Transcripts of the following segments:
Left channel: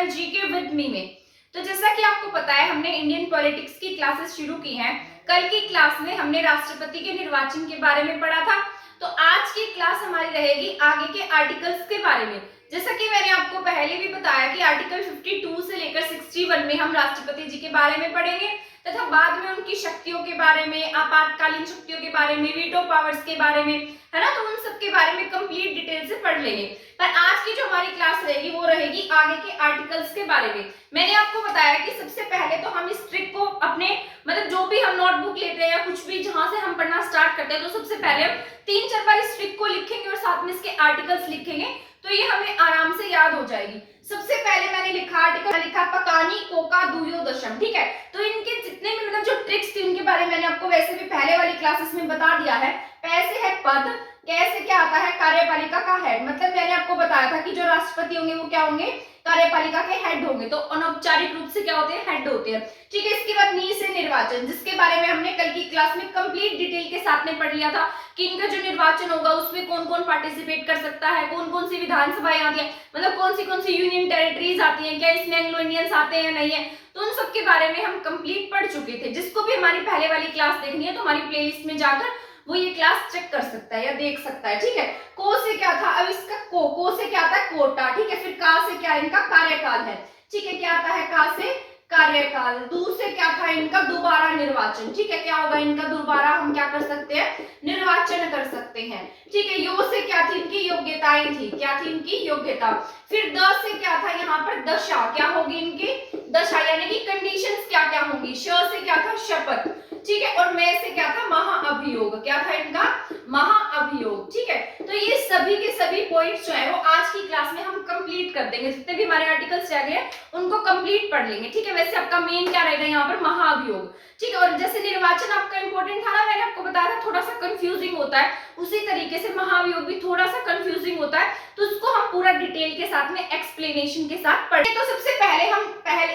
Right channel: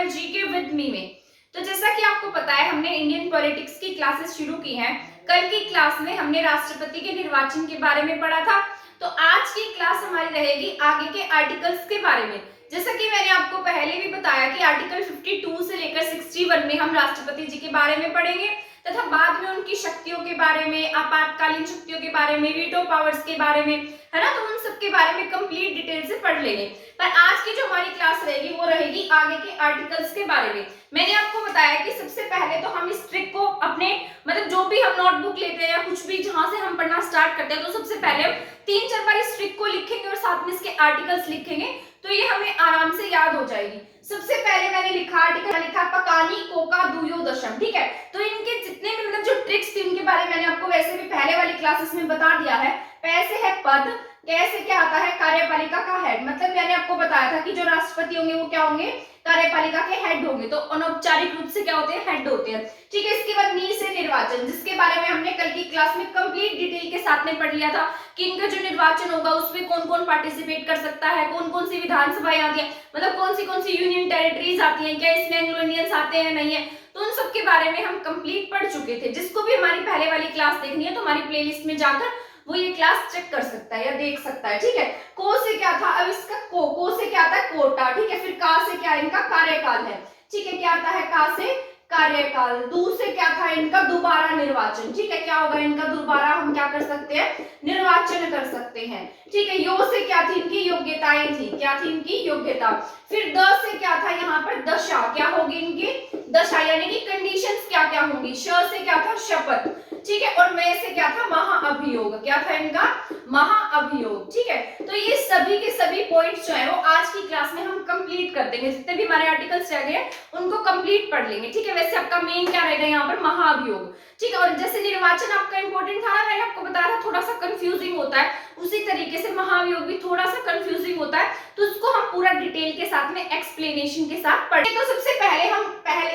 Channel GK with me में। तो जैसा कि आपको पता है, हमने इंडियन पॉलिटिक्स की क्लासेस शुरू की हैं। कल की क्लास में हमने राष्ट्रपति के निर्वाचन के बारे में पढ़ा था। तो आज की क्लास हमारी रहेगी आगे के आर्टिकल्स के बारे में। जैसा कि मैंने आपको पहले भी बताया कि आर्टिकल 52 से लेकर 61 में हम राष्ट्रपति जी के बारे में पढ़ेंगे तथा बाद में उनकी शक्तियों के बारे में, आपातकालीन शक्तियों के बारे में, वीटो पावर्स के बारे में, है ना, तो उन सब के बारे में कंप्लीट डिटेल से पढ़ लेंगे। पर आज की जो हमारी क्लास रहेगी वो रहेगी आगे के आर्टिकल्स के बारे में। मैंने आपको बताया कि सबसे पहले तो हम इस ट्रिक को अपने जो भी हम नोटबुक लेते हैं या कुछ भी जहां से हम पढ़ना स्टार्ट करते हैं, तो सबसे पहले हम 3-4 बार इस ट्रिक को लिखेंगे और साथ में इसके आर्टिकल्स लिखेंगे, तो ये हमें आराम से याद हो जाएगी। सबसे पहले मैंने लिखा आर्टिकल लिखा पकानी कोका दुयो दशम, ठीक है। तो इनके जितने भी जो ट्रिक्स थी उनके बारे में मैंने आपको वैसे भी पहले वाली क्लासेस में बता दिया है। पैसे है पद, कैसे क्या आता है कार्यपालिका का हेड, मतलब मैंने आपको बताया था कि जो राष्ट्रपति होंगे वो क्या होंगे, कार्यपालिका के हेड होंगे। तो अनौपचारिक रूप से क्या होते हैं, हेड होते हैं, ठीक है। इसके बाद नी से निर्वाचन, जिसके बारे में हमने कल की क्लास में कंप्लीट डिटेल के साथ में पढ़ लिया था कि इनका जो निर्वाचन होगा उसमें कौन कौन पार्टिसिपेट कर सकता है, कौन कौन सी विधानसभाएं आती है, मतलब कौन सी यूनियन टेरिटरीज आती हैं, क्या इसमें एंग्लो इंडियंस आते हैं नहीं है, तो उन सब के बारे में हम कंप्लीट पढ़ चुके थे। जिसको भी हमारी पहले वाली क्लास देखनी है तो हमारी प्लेलिस्ट में जाकर वो ये क्लास चेक कर सकता है या देख सकता है, ठीक है। को से क्या था, अब इसका को से क्या आता है, कोटा, ठीक है। फिर का से क्या, इनका कार्यकाल है, ठीक है। क्या आता है का से, कार्यकाल। दू से क्या था, इनका दोबारा निर्वाचन, ठीक है। क्या होगा इनका, दोबारा हम क्या कर सकते हैं, निर्वाचन कर सकते हैं, ठीक है। यो से क्या थी, इनकी योग्यताएं थी, क्या थी इनकी योग्यता। फिर द से क्या था, यहाँ पर दशा, क्या होगी इनकी दशा, यानी कि कंडीशंस क्या क्या होंगी। श से क्या था, शपथ, ठीक है। और मैं से क्या था, महाअभियोग, क्या था इनका, महाअभियोग, ठीक है। तो ये सभी के सभी पॉइंट्स जो है वो आज की क्लास में हम कंप्लीट कर देंगे। जितने भी हमारे आर्टिकल्स रह गए उनको कंप्लीट पढ़ लेंगे, ठीक है। वैसे आपका मेन क्या रहेगा यहाँ पर, महाअभियोग, ठीक है। और जैसे निर्वाचन आपका इंपॉर्टेंट था ना, मैंने आपको बताया था थोड़ा सा कंफ्यूजिंग होता है, उसी तरीके से महाअभियोग भी थोड़ा सा कंफ्यूजिंग होता है, तो उसको हम पूरा डिटेल के साथ में एक्सप्लेनेशन के साथ पढ़े। तो सबसे पहले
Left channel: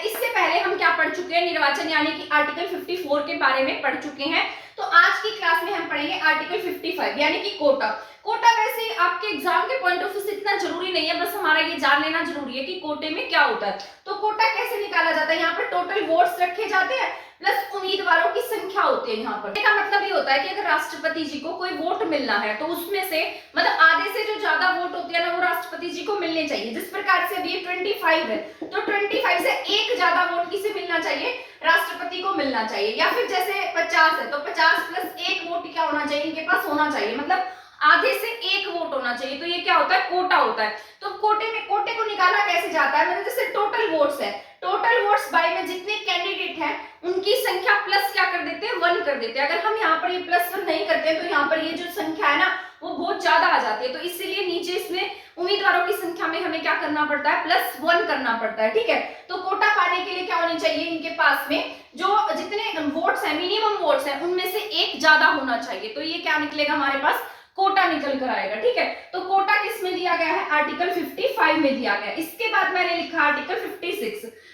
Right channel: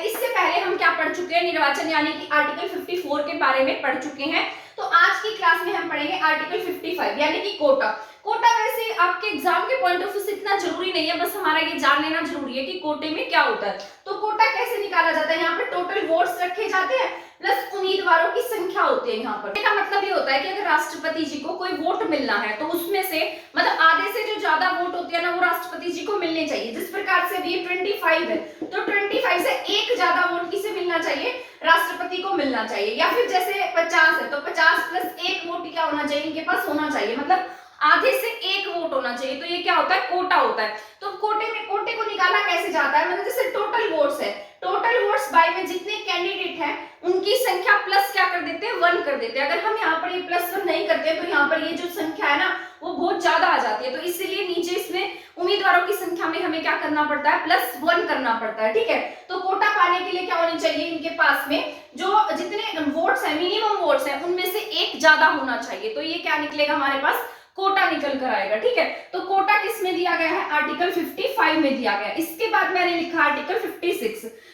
इससे पहले हम क्या पढ़ चुके हैं, निर्वाचन यानी कि आर्टिकल 54 के बारे में पढ़ चुके हैं। तो आज की क्लास में हम पढ़ेंगे आर्टिकल 55 यानी कि कोटा। कोटा वैसे आपके एग्जाम के पॉइंट ऑफ व्यू से इतना जरूरी नहीं है, बस हमारा ये जान लेना जरूरी है कि कोटे में क्या होता है। तो कोटा कैसे निकाला जाता है, यहाँ पर टोटल वोट्स रखे जाते हैं प्लस उम्मीदवारों की संख्या होती है। यहाँ पर इसका मतलब ये होता है कि अगर राष्ट्रपति जी को कोई वोट मिलना है तो उसमें से आधे से जो ज्यादा वोट होती है ना वो राष्ट्रपति जी को मिलने चाहिए। जिस प्रकार से अभी ये 25 है तो 25 से एक ज्यादा वोट किसे मिलना चाहिए, राष्ट्रपति को मिलना चाहिए। या फिर जैसे 50 है तो 50 प्लस एक वोट क्या होना चाहिए, इनके पास होना चाहिए, मतलब आधे से एक वोट होना चाहिए। तो ये क्या होता है, कोटा होता है। तो कोटे को निकाला कैसे जाता है, जैसे टोटल वोट्स है, टोटल वोट्स बाय में जितने कैंडिडेट हैं उनकी संख्या प्लस क्या कर देते हैं, 1 कर देते हैं। अगर हम यहाँ पर ये +1 नहीं करते हैं तो यहाँ पर ये जो संख्या है ना वो बहुत ज्यादा आ जाती है। तो इसीलिए नीचे इसमें उम्मीदवारों की संख्या में हमें क्या करना पड़ता है, +1 करना पड़ता है, ठीक है। तो कोटा पाने के लिए क्या होनी चाहिए, इनके पास में जो जितने वोट्स है, मिनिमम वोट्स है, उनमें से एक ज्यादा होना चाहिए। तो ये क्या निकलेगा, हमारे पास कोटा निकल कर आएगा, ठीक है। तो कोटा किस में दिया गया है, आर्टिकल 55 में दिया गया है। इसके बाद मैंने लिखा आर्टिकल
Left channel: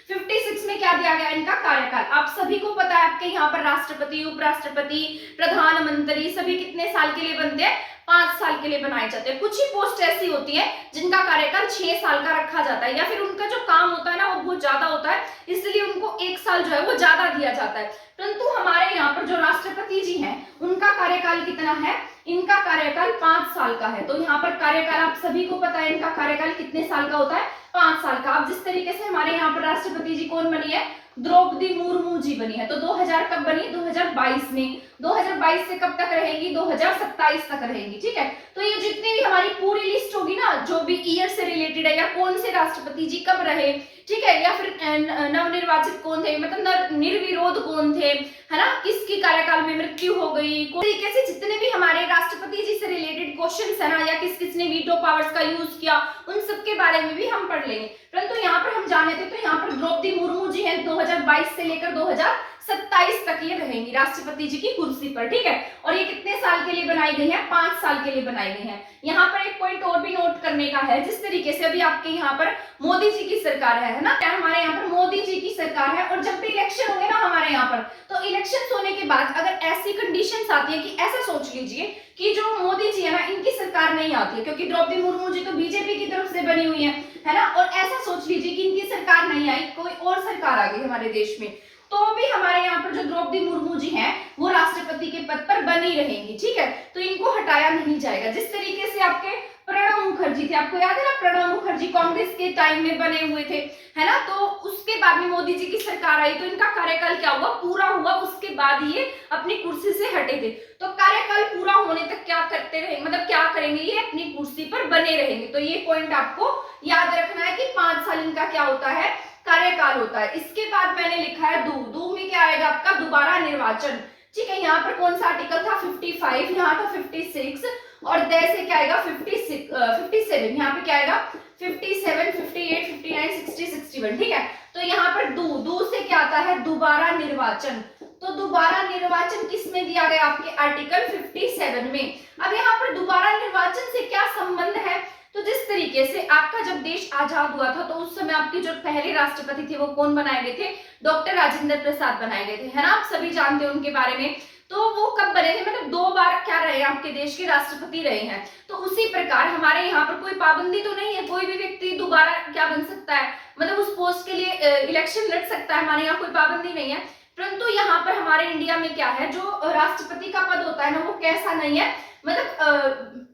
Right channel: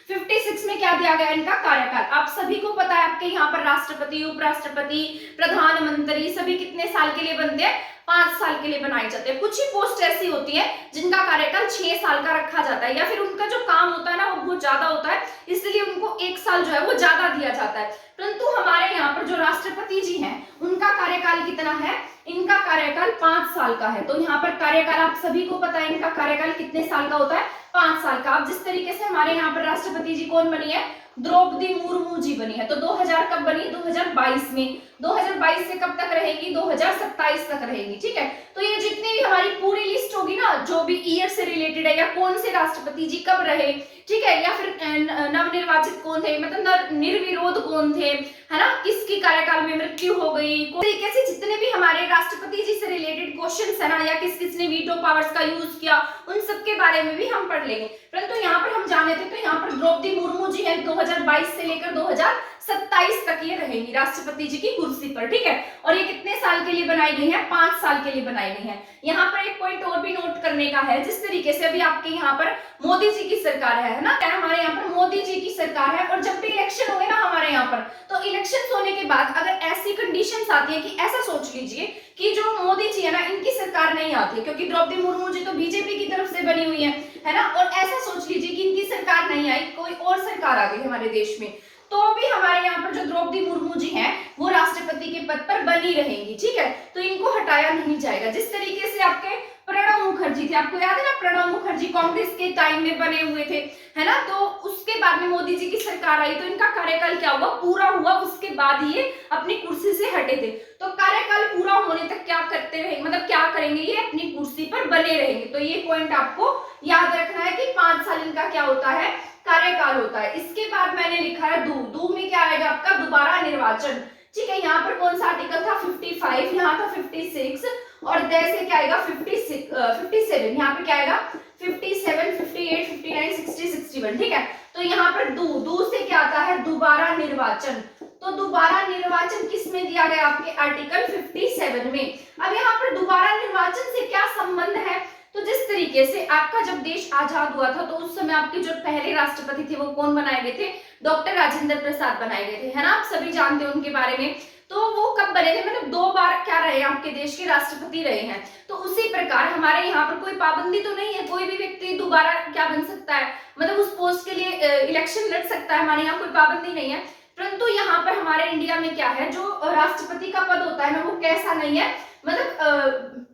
56 में क्या दिया गया, इनका कार्यकाल। आप सभी को पता है आपके यहाँ पर राष्ट्रपति, उपराष्ट्रपति, प्रधानमंत्री सभी कितने साल के लिए बनते हैं, 5 साल के लिए बनाए जाते हैं। कुछ ही पोस्ट ऐसी होती है जिनका कार्यकाल 6 साल का रखा जाता है, या फिर उनका जो काम होता है ना वो बहुत ज्यादा होता है, इसलिए उनको 1 साल जो है वो ज्यादा दिया जाता है। परंतु हमारे यहाँ पर जो राष्ट्रपति जी हैं उनका कार्यकाल कितना है, इनका कार्यकाल 5 साल का है। तो यहाँ पर कार्यकाल आप सभी को पता है इनका कार्यकाल कितने साल का होता है, 5 साल का। अब जिस तरीके से हमारे यहाँ पर राष्ट्रपति जी कौन बनी है, द्रौपदी मुर्मू जी बनी है। तो 2000 कब बनी, 2022 में। 2022 से कब तक रहेगी, 2027 तक रहेगी, ठीक है। तो ये जितनी भी हमारी पूरी लिस्ट होगी ना, जो भी ईयर से रिलेटेड है या कौन से राष्ट्रपति जी कब रहे, ठीक है, या फिर नवनिर्वाचित कौन थे, निर्विरोध कौन थे, है ना, किसकी कार्यकाल में मृत्यु हो गई, कोई तरीके से जितने भी हमारे राष्ट्रपति जी से रिलेटेड क्वेश्चंस है ना, या किस किसने वीटो पावर्स का यूज किया, उन सब के बारे में भी हम पढ़ लेंगे। परंतु यहाँ पर हम जाने थे तो यहाँ पर द्रौपदी मुर्मू जी है 2022 से लेकर 2027 2027 तक ये रहेंगी राष्ट्रपति जी की कुर्सी पर, ठीक है। और ये कितने साल के लिए बनाई गई है? 5 साल के लिए बनाई गई है। यहाँ पर एक पॉइंट और भी नोट करने का है, जिस तरीके से अभी आपके यहाँ पर मोदी जी की सरकार है ना, क्या हमारे यहाँ पर मोदी जी की सरकार है, और जब भी इलेक्शन होंगे ना हमारे यहाँ पर, तो इलेक्शन होने के बाद अगर ऐसी कंडीशंस आती है कि ऐसा सोच लीजिए कि जो मोदी जी है ना, इनकी सरकार नहीं आती है, क्योंकि द्रौपदी मुर्मू जी तो बीजेपी की तरफ से बनी हुई है ना, और ऐसा सोच लीजिए कि इनकी सरकार नहीं आई, कोई और सरकार आ गई हमारे देश में, तो भी हमारे यहाँ पर जो द्रौपदी मुर्मू जी हैं वो राष्ट्रपति के पद पर बनी रहेंगी, ठीक है। तो इनको हटाया नहीं जाएगा। जिस तरीके से आपके प्रणब मुखर्जी थे, आपको याद है ना, प्रणब मुखर्जी कांग्रेस के टाइम में बने हुए थे, है ना, तो उसके बाद में मोदी जी की सरकार आई तो इनका कार्यकाल क्या हुआ? पूरा हुआ, उसके बाद ये अपनी कुर्सी से हटे थे। तो कार्यकाल पूरा होने तक क्या करते रहेंगे, मतलब क्या करेंगे? ये अपनी कुर्सी पर बने रहेंगे। तो ये पॉइंट आपको याद रखना है कि 5 साल इनका क्या होता है? कार्यकाल होता है। इसके बाद मैंने लिखा है दू में क्या आएगा आपका? दोबारा निर्वाचन, ठीक है। यहाँ पर कौन सा आर्टिकल था? 55, यहाँ था 56, और दे से क्या आएगा? 57, यहाँ पे क्या आएगा? 57, 58, 59, 60, 61, ठीक है। तो यहाँ पर दू से क्या आता है? दोबारा निर्वाचन। तो दोबारा निर्वाचन किस में दिया गया? आपके आर्टिकल 57 में। अब यहाँ पर दोबारा निर्वाचन से क्या संबंध है? तो जिस तरीके से आपका जब देश आजाद हुआ था तो उस समय आपके जो पहले राष्ट्रपति थे वो कौन बनाए गए थे? डॉक्टर राजेंद्र प्रसाद बनाए गए थे, है ना, आप सभी जानते हो उनके बारे में। तो वो कब बने थे? मतलब 2 बार क्या रहे? आपके देश के राष्ट्रपति रहे हैं। तो उसी प्रकार हमारे यहाँ पर कोई पाबंदी तो नहीं है, कोई भी व्यक्ति दोबारा क्या बन सकता है, मतलब उस पोस्ट के लिए इलेक्शन लड़ सकता है, हमारे यहाँ कोई पाबंदी नहीं है। परंतु यहाँ पर हमारे इंडिया में क्या है, जो राष्ट्रपति का पद होता है ना, वो कैसा नहीं है, मतलब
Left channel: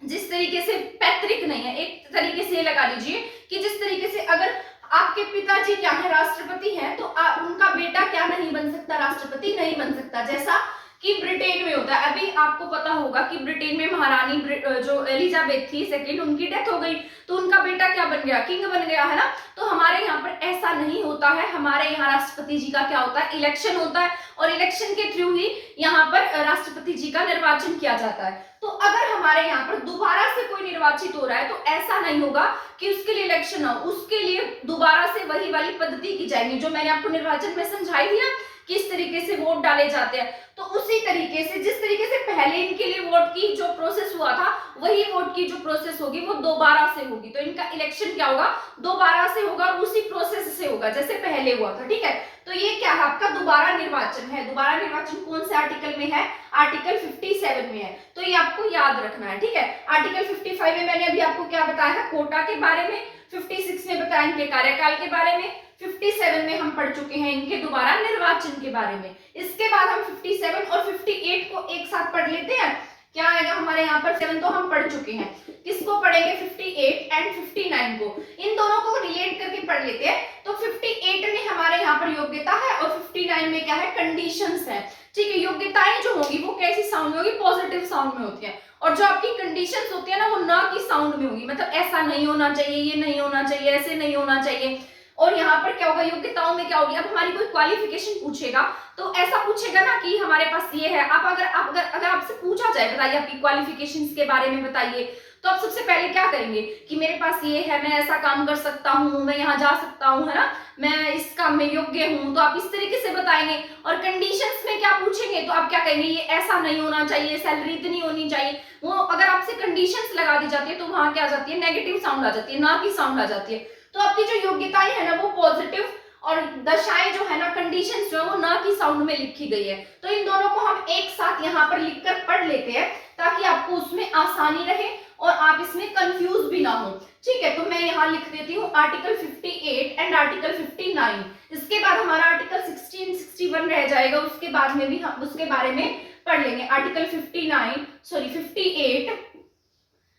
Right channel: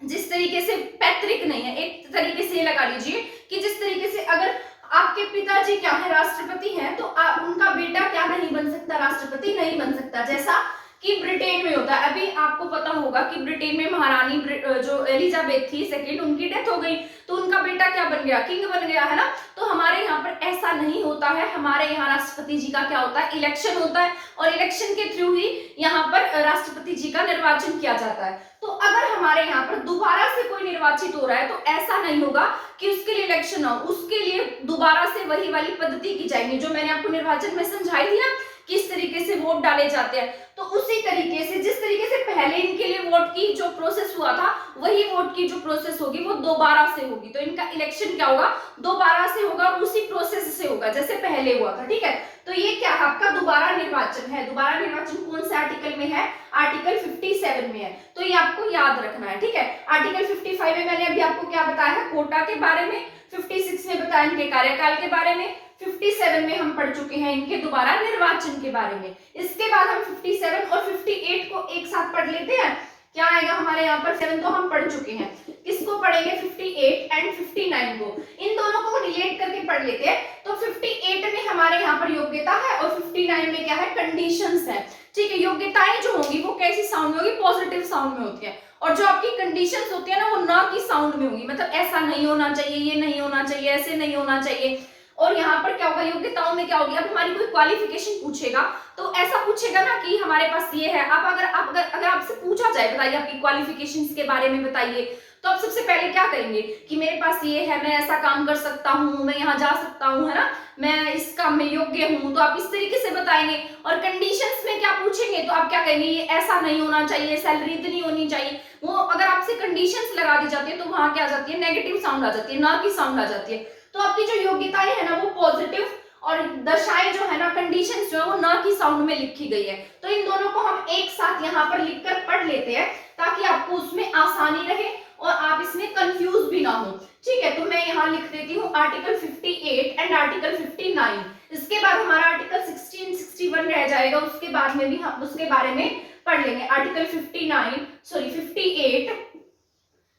जिस तरीके से पैतृक नहीं है, एक तरीके से लगा लीजिए कि जिस तरीके से अगर आपके पिताजी क्या है? राष्ट्रपति हैं, तो उनका बेटा क्या नहीं बन सकता? राष्ट्रपति नहीं बन सकता, जैसा कि ब्रिटेन में होता है। अभी आपको पता होगा कि ब्रिटेन में महारानी जो एलिजाबेथ थी सेकंड, उनकी डेथ हो गई, तो उनका बेटा क्या बन गया? किंग बन गया, है ना। तो हमारे यहाँ पर ऐसा नहीं होता है, हमारे यहाँ राष्ट्रपति जी का क्या होता है? इलेक्शन होता है, और इलेक्शन के थ्रू ही यहाँ पर राष्ट्रपति जी का निर्वाचन किया जाता है। तो अगर हमारे यहाँ पर दोबारा से कोई निर्वाचित हो रहा है तो ऐसा नहीं होगा कि उसके लिए इलेक्शन हो, उसके लिए दोबारा से वही वाली पद्धति की जाएगी जो मैंने आपको निर्वाचन में समझाई थी ना, किस तरीके से वोट डाले जाते हैं। तो उसी तरीके से जिस तरीके से पहले इनके लिए वोट की जो प्रोसेस हुआ था, वही वोट की जो प्रोसेस होगी वो दोबारा से होगी। तो इनका इलेक्शन क्या होगा? दोबारा से होगा, और उसी प्रोसेस से होगा जैसे पहले हुआ था, ठीक है। तो ये क्या है? आपका दोबारा निर्वाचन है। दोबारा निर्वाचन कौन से आर्टिकल में है? आर्टिकल 57 में है। तो ये आपको याद रखना है, ठीक है। आर्टिकल 55 में मैंने अभी आपको क्या बताया है? कोटा के बारे में। 56 में बताया इनके कार्यकाल के बारे में। 57 में हम पढ़ चुके हैं इनके दोबारा निर्वाचन के बारे में। इसके बाद हम 57 और 58 को एक साथ पढ़ लेते हैं। क्या आएगा हमारे यहाँ पर? 7 तो हम पढ़ चुके हैं, किसको पढ़ेंगे? 58 एंड 59 को, इन दोनों को रिलेट करके पढ़ लेते हैं। तो 58 में हमारे यहाँ पर योग्यता है, और 59 में क्या है? कंडीशंस है, ठीक है। योग्यताएं जो होंगी वो कैसी साउंड में होगी? पॉजिटिव साउंड में होती है, और जो आपकी कंडीशंस होती है ना, वो ना की साउंड में होगी, मतलब ऐसा नहीं होना चाहिए, ये नहीं होना चाहिए, ऐसे नहीं होना चाहिए। और यहाँ पर क्या होगा? योग्यताओं में क्या होगी? अब हमारी कोई क्वालिफिकेशन पूछेगा तो ऐसा पूछेगा ना कि हमारे पास ये है। आप अगर आपसे पूछा जाए बताइए आपकी क्वालिफिकेशंस के बारे में बताइए, तो आप सबसे पहले क्या करेंगे कि मेरे पास ये है, मैं ऐसा काम कर सकता हूँ, मैं यहाँ जा सकता हूँ, है ना, मैं इस काम में योग्य हूँ, तो आप इस तरीके से बताएंगे। और कंडीशंस में क्या पूछेंगे तो आप क्या कहेंगे? ये ऐसा नहीं होना चाहिए, सैलरी इतनी होनी चाहिए। वो अगर आपसे कंडीशंस लगा दी जाती है तो वहां क्या आ जाती है? नेगेटिव साउंड आ जाती है, ना की साउंड आ जाती है। तो आपकी जो योग्यताएं है ना वो पॉजिटिव, और दशाएं जो है ना, कंडीशंस जो है वो ना की साउंड में लिखी गई है। तो इन दोनों को हम एक साथ यहाँ पर लिखकर पढ़ लेते हैं ताकि आपको उसमें आसानी रहे और आप इसमें कंफ्यूज भी ना हो, ठीक है। तो मैं यहाँ लिख देती हूँ आर्टिकल 58 एंड आर्टिकल 59। इसके बाद हमारा आर्टिकल 60 61 रह जाएगा, उसके बाद में भी हम उसके बारे में पढ़ लेंगे। आर्टिकल 58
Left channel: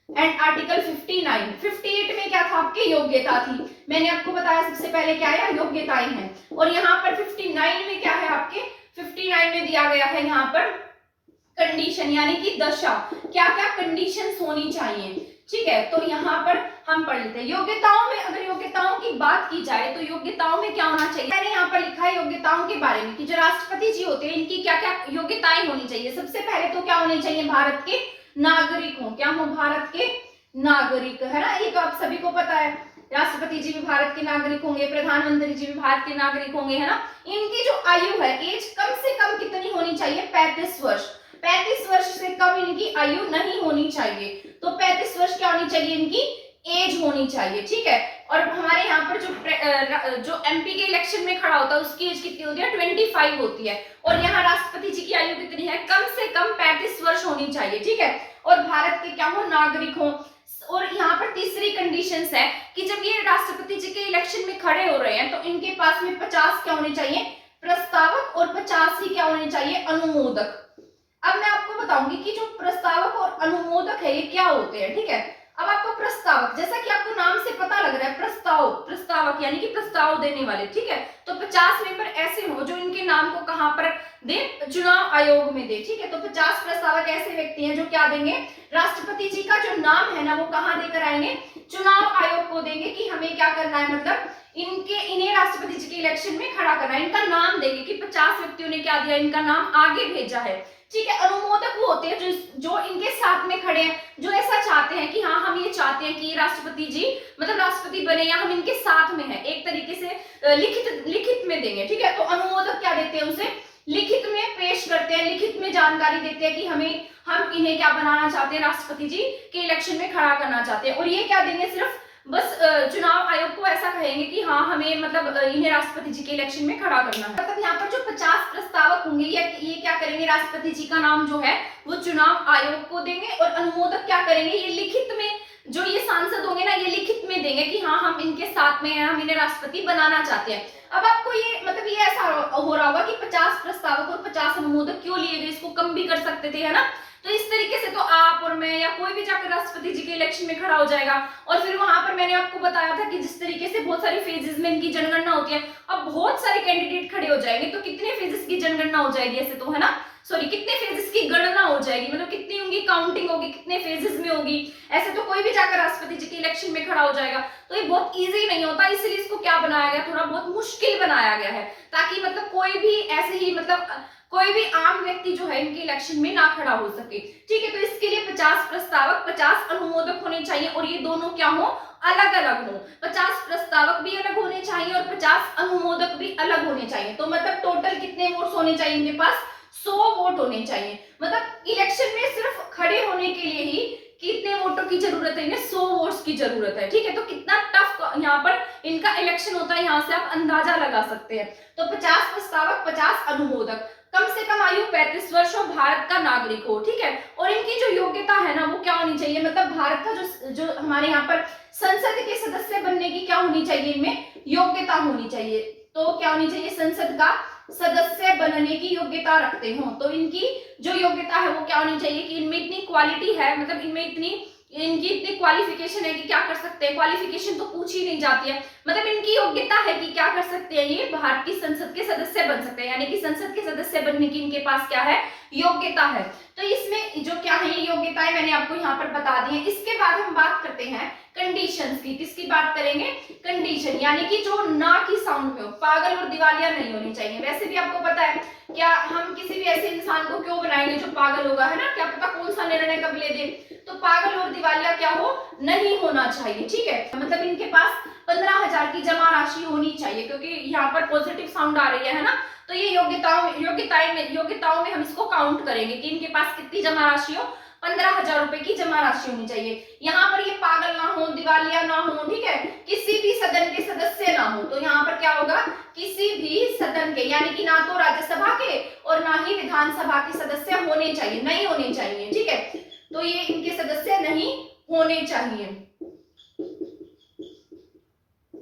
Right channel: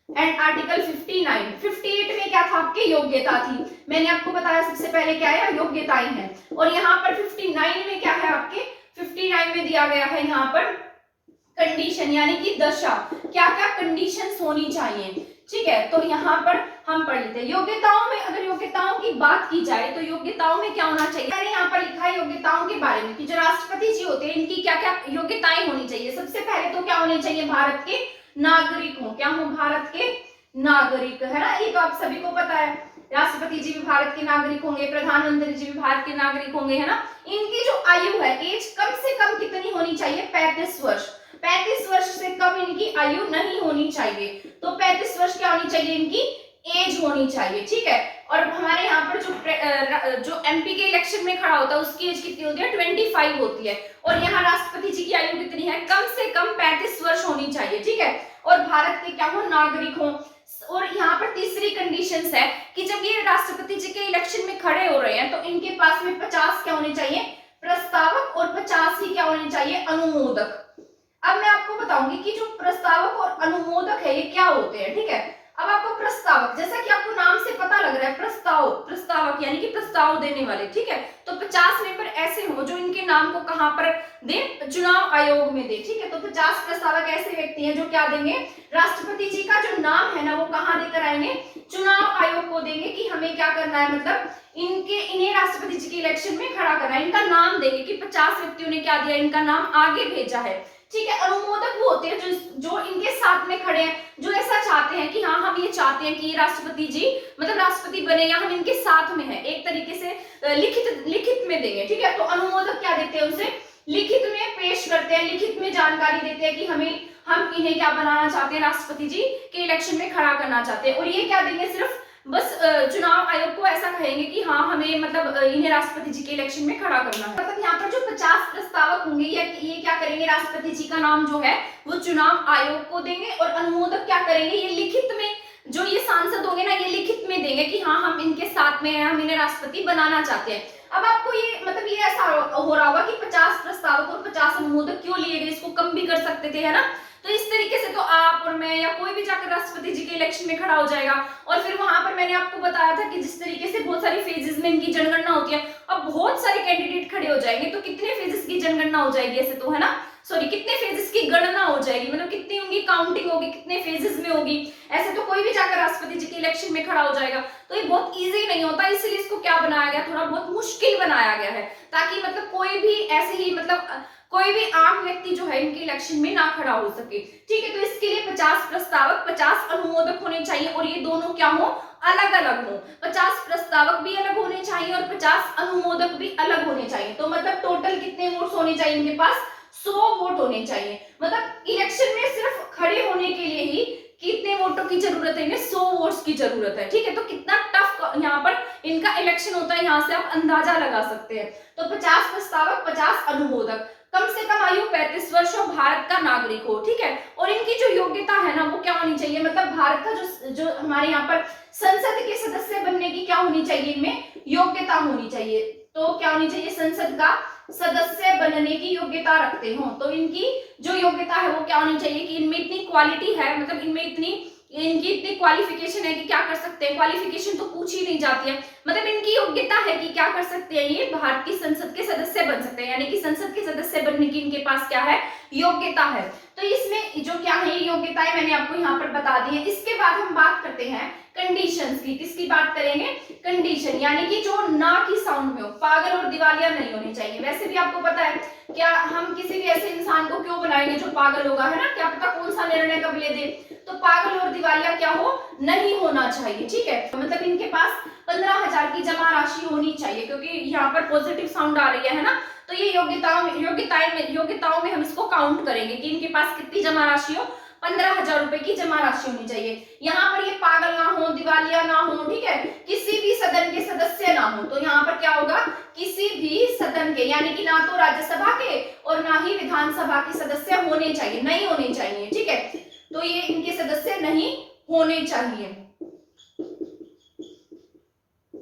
एंड आर्टिकल 58 में क्या था? आपकी योग्यता थी। मैंने आपको बताया सबसे पहले क्या है? योग्यताएं हैं। और यहाँ पर 59 में क्या है? आपके 59 में दिया गया है यहाँ पर कंडीशन, यानी कि दशा, क्या क्या कंडीशंस होनी चाहिए, ठीक है। तो यहाँ पर हम पढ़ लेते हैं योग्यताओं में। अगर योग्यताओं की बात की जाए तो योग्यताओं में क्या होना चाहिए? मैंने यहाँ पर लिखा है योग्यताओं के बारे में कि जो राष्ट्रपति जी होते हैं इनकी क्या क्या योग्यताएं होनी चाहिए। सबसे पहले तो क्या होने चाहिए? भारत के नागरिक हो। क्या हो? भारत के नागरिक, है ना, ये तो आप सभी को पता है। राष्ट्रपति जी भी भारत के नागरिक होंगे, प्रधानमंत्री जी भी भारत के नागरिक होंगे, है ना। इनकी जो आयु है, एज कम से कम कितनी होनी चाहिए? 35 वर्ष। 35 वर्ष से कम इनकी आयु नहीं होनी चाहिए। तो 35 वर्ष क्या होनी चाहिए? इनकी एज होनी चाहिए, ठीक है। और हमारे यहाँ पर जो एमपी के इलेक्शन में खड़ा होता है उसकी एज कितनी होती है? 25 होती है। और यहाँ राष्ट्रपति जी की आयु कितनी है? कम से कम 35 वर्ष होनी चाहिए, ठीक है। और भारत के क्या हो? नागरिक हो। और यहाँ पर तीसरी कंडीशंस है कि जब ये राष्ट्रपति जी के इलेक्शन में खड़े हो रहे हैं तो इनके पास में 50 क्या होने चाहिए? प्रस्तावक, और 50 ही क्या होने चाहिए? अनुमोदक। अब मैं आपको बताऊंगी कि जो प्रस्तावक और अनुमोदक है ये क्या होते हैं, ठीक है। अब आपको प्रस्तावक, जैसा कि आपको नाम से पता लग रहा है, प्रस्तावक यानी कि प्रस्ताव देने वाले, ठीक है। तो 50 मेंबर ऐसे हो जो इनके नाम को कहां पर दे? चुनाव आयोग में दे, ठीक है। तो 50 प्रस्तावक ऐसे व्यक्ति हैं जो क्या देंगे? राष्ट्रपति जी का जो नाम है ना वो कहां देकर आएंगे? चुनाव आयोग को देंगे कि हमें क्या करना है, मतलब इन्हें राष्ट्रपति जी के इलेक्शन में खड़ा करना है। इनका नाम देंगे कि 50 व्यक्तियों ने क्या दिया, इनका नाम आगे भेजा है, ठीक है। अनुमोदक वो होते हैं जो इनके साथ में खड़े हैं, जो ऐसा चाहते हैं कि हाँ हम ये चाहते हैं कि राष्ट्रपति जी मतलब राष्ट्रपति बने, या हम इनके साथ में हैं, एक तरीके से लिखित में देंगे, ठीक है। तो अनुमोदक क्या देते हैं? उसे लिखित में पेश करते हैं, लिखित में जानकारी देते हैं कि हम इन्हें क्या बनाना चाहते हैं? राष्ट्रपति जी के इलेक्शन में खड़ा करना चाहते हैं। और ये क्या देंगे? सिर्फ बस चुनाव आयोग को ऐसा कहेंगे कि हाँ हमें मतलब इन्हें राष्ट्रपति जी के इलेक्शन में खड़ा करना है। मतलब यहाँ पर जो 50 प्रस्तावक होंगे ये क्या करेंगे? राष्ट्रपति जी का नाम जो है वो चुनाव आयोग को देंगे। और अनुमोदक क्या करेंगे? ये लिखित में, जो ये सांसद होंगे ना, ये लिखित में देंगे कि हाँ हम इनके साथ में हैं, हम इन्हें राष्ट्रपति बनाना चाहते हैं। अब आपको ये मतलब ये ऐसा हो रहा होगा कि 50 प्रस्तावक और 50 अनुमोदक क्यों लिए गए? इसको कम भी कर सकते थे, है ना। तो इस तरीके से तो आप और मैं या कोई भी जाकर राष्ट्रपति जी के इलेक्शन में खड़ा हो जाएगा। और फिर वहां पर मैंने आपको बताया था कि जिस तरीके से बहुत सारी फेजेस में इनकी जनगणना होती है, अब बहुत सारे कैंडिडेट खड़े हो जाएंगे तो कितने फेजेस की जनगणना हो जाएगी? ऐसे तो, है ना, सॉरी, कितने फेजेस की गणना हो जाएगी, मतलब कितनी उनकी काउंटिंग होगी, कितने फेजेस में होगी। ऐसे तो कोई भी जाकर राष्ट्रपति जी के इलेक्शन में खड़ा हो जाएगा। तो ये बहुत इजी नहीं होता, इसलिए इसको क्या बनाया गया? थोड़ा बहुत मुश्किल बनाया गया है, ताकि मतलब कोई भी ऐसे ही मतलब कोई भी आम व्यक्ति जो है इनके इलेक्शन में ना खड़ा हो सके, ठीक है। तो इसके लिए 50 प्रस्तावक, 50 अनुमोदक होने चाहिए। और ये दोनों क्या हो? अलग अलग हो। 50 प्रस्तावक भी अलग होने चाहिए और 50 अनुमोदक भी अलग होने चाहिए। तो मतलब टोटल कितने वोट्स होने चाहिए इनके पास? 100 वोट होने चाहिए। मतलब इलेक्शन में सिर्फ खड़े होने के लिए ही कितने वोटों की जरूरत है? इन्हें 100 वोट्स की जरूरत है, ठीक है। तो कितना टफ यहाँ पर इनका इलेक्शन होता है, यहाँ से आप अंदाजा लगा सकते हैं। तो 50 प्रस्तावक, 50 अनुमोदक, कम से कम आयु 35 वर्ष हो, भारत का नागरिक हो, ठीक है। और इनकी जो योग्यता है ना वो क्या होनी चाहिए? मतलब भारत का जो हमारे यहाँ पर संसद के सदस्य बनने की क्या होनी चाहिए? इनमें योग्यता होनी चाहिए। तो क्या होनी चाहिए? संसद का सदस्य बनने की योग्यता रखते हो। तो इनकी जो योग्यता है वो क्या होनी चाहिए कि इनमें इतनी क्वालिटी है, मतलब इनमें इनकी इतनी क्वालिफिकेशन है कि क्या कर सकते हैं। क्वालिफिकेशन तो पूछी नहीं जाती है, मतलब इनकी योग्यता है कि क्या कर सकते हैं, ये भारत की संसद के सदस्य बन सकते हैं, यानी कि संसद के सदस्य बनने की इनके पास क्या है? योग्यता है। तो इसमें जो क्या है ये योग्यताएं मैंने आपको यहाँ पर बता दी है। इसके बाद हम बात करते हैं कंडीशंस की। किसकी बात करेंगे? कंडीशन, यानी कि जो ना की साउंड में हो, पागल और दिवालिया नहीं होनी चाहिए। वैसे भी आपको पता है, क्या हम किसी भी ऐसे इंसान को क्यों बनाएंगे जो पागल होगा, है ना, क्या पता कौन सा निर्णय कब ले दे। तो पागल और दिवालिया क्या हो? नहीं होना चाहिए, ठीक है। मतलब इनके पास 15,000 की जमा राशि होनी चाहिए, क्योंकि यहाँ पर पॉजिटिव साउंड आ रही है ना। तो ये योग्यताओं में हम इसको काउंट करेंगे कि इनके पास कितनी जमा राशि हो? 15,000 रुपए की जमा राशि होनी चाहिए। यहाँ पर ये पागल ना हो, दिवालिया ना हो, ठीक है, किसी भी सदन के सदस्य ना हो। तो यहाँ पर क्या होगा? किसी भी सदन के, यानी कि ना तो राज्यसभा के और ना ही विधानसभा के सदस्य होने चाहिए, नहीं होने चाहिए, ठीक है। तो ये इनके सदस्य नहीं होने चाहिए,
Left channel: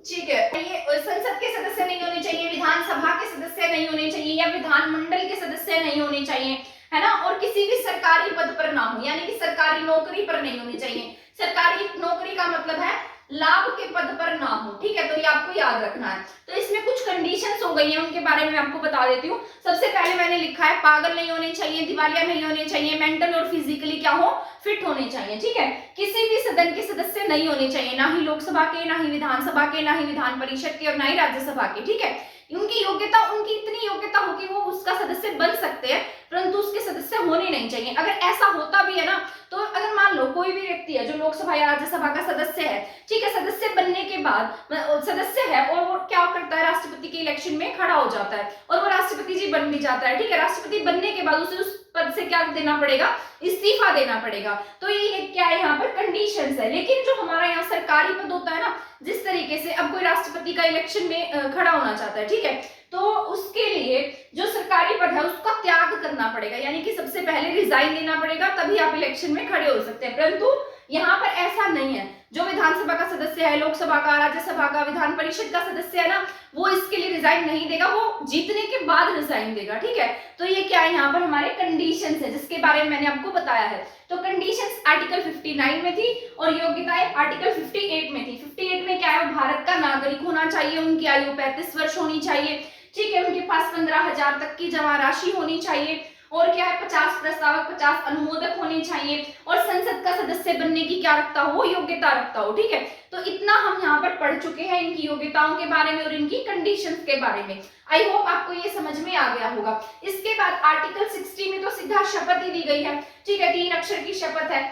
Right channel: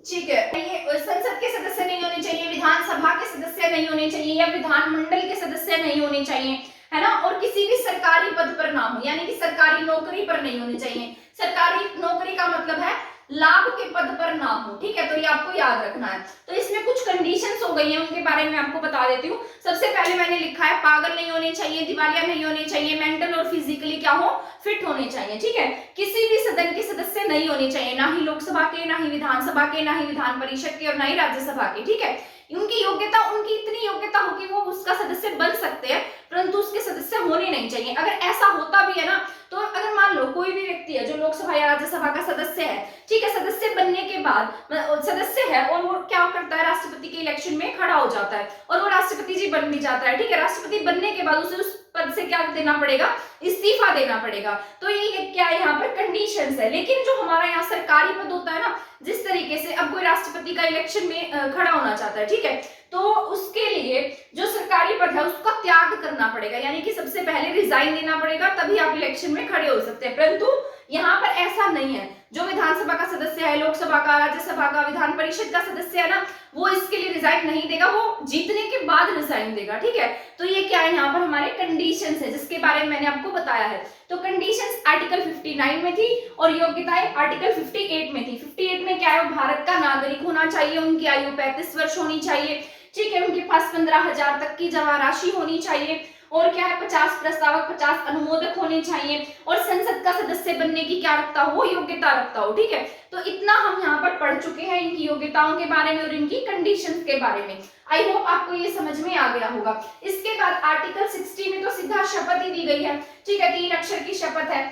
ठीक है। ये संसद के सदस्य नहीं होने चाहिए, विधानसभा के सदस्य नहीं होने चाहिए, या विधानमंडल के सदस्य नहीं होने चाहिए, है ना। और किसी भी सरकारी पद पर ना हो, यानी कि सरकारी नौकरी पर नहीं होने चाहिए। सरकारी नौकरी का मतलब है लाभ के पद पर ना हो, ठीक है। तो ये आपको याद रखना है। तो इसमें कुछ कंडीशंस हो गई हैं, उनके बारे में मैं आपको बता देती हूँ। सबसे पहले मैंने लिखा है पागल नहीं होने चाहिए, दिवालिया नहीं होने चाहिए, मेंटल और फिजिकली क्या हो? फिट होने चाहिए, ठीक है। किसी भी सदन के सदस्य नहीं होने चाहिए, ना ही लोकसभा के, ना ही विधानसभा के, ना ही विधान परिषद के और ना ही राज्यसभा के, ठीक है। उनकी योग्यता, उनकी इतनी योग्यता हो कि वो उसका सदस्य बन सकते हैं, परंतु उसके सदस्य होने नहीं चाहिए। अगर ऐसा होता भी है ना, तो अगर मान लो कोई भी व्यक्ति है जो लोकसभा या राज्यसभा का सदस्य है, ठीक है, सदस्य बनने के बाद बाद सदस्य है और वो क्या करता है, राष्ट्रपति के इलेक्शन में खड़ा हो जाता है और वो राष्ट्रपति जी बन भी जाता है, ठीक है। राष्ट्रपति बनने के बाद उसे उस पद से क्या देना पड़ेगा, इस्तीफा देना पड़ेगा। तो ये क्या है यहाँ पर कंडीशंस है। लेकिन जो हमारा यहाँ सरकारी पद होता है ना, जिस तरीके से अब कोई राष्ट्रपति का इलेक्शन में खड़ा होना चाहता है, ठीक है, तो उसके लिए जो सरकारी पद है उसका त्याग करना पड़ेगा, यानी कि सबसे पहले रिजाइन देना पड़ेगा, तभी आप इलेक्शन में खड़े हो सकते हैं। परंतु यहाँ पर ऐसा नहीं है। जो विधानसभा का सदस्य है, लोकसभा का, राज्यसभा का, विधान परिषद का सदस्य है ना, वो इसके लिए रिजाइन नहीं देगा, वो जीतने के बाद रिजाइन देगा, ठीक है। तो ये क्या है, यहाँ पर हमारे कंडीशंस है जिसके बारे में मैंने आपको बताया है। तो कंडीशंस आर्टिकल 59 में थी और योग्यताएं आर्टिकल 58 में थी। 58 में क्या है, भारत का नागरिक होना चाहिए, उनकी आयु 35 वर्ष होनी चाहिए, ठीक है, उनके पास 15,000 तक की जमा राशि होनी चाहिए, और क्या है 50 प्रस्तावक 50 अनुमोदक होने चाहिए, और संसद का सदस्य बनने की क्या रखता हो, योग्यता रखता हो, ठीक है। तो इतना हम यहाँ पर पढ़ चुके हैं इनकी योग्यताओं के बारे में और इनकी कंडीशंस के बारे में। आई होप आपको ये समझ में आ गया होगा। इसके बाद आर्टिकल 60 में तो सीधा शपथ ही दी गई है, ठीक है, 3 अक्षर की शपथ है।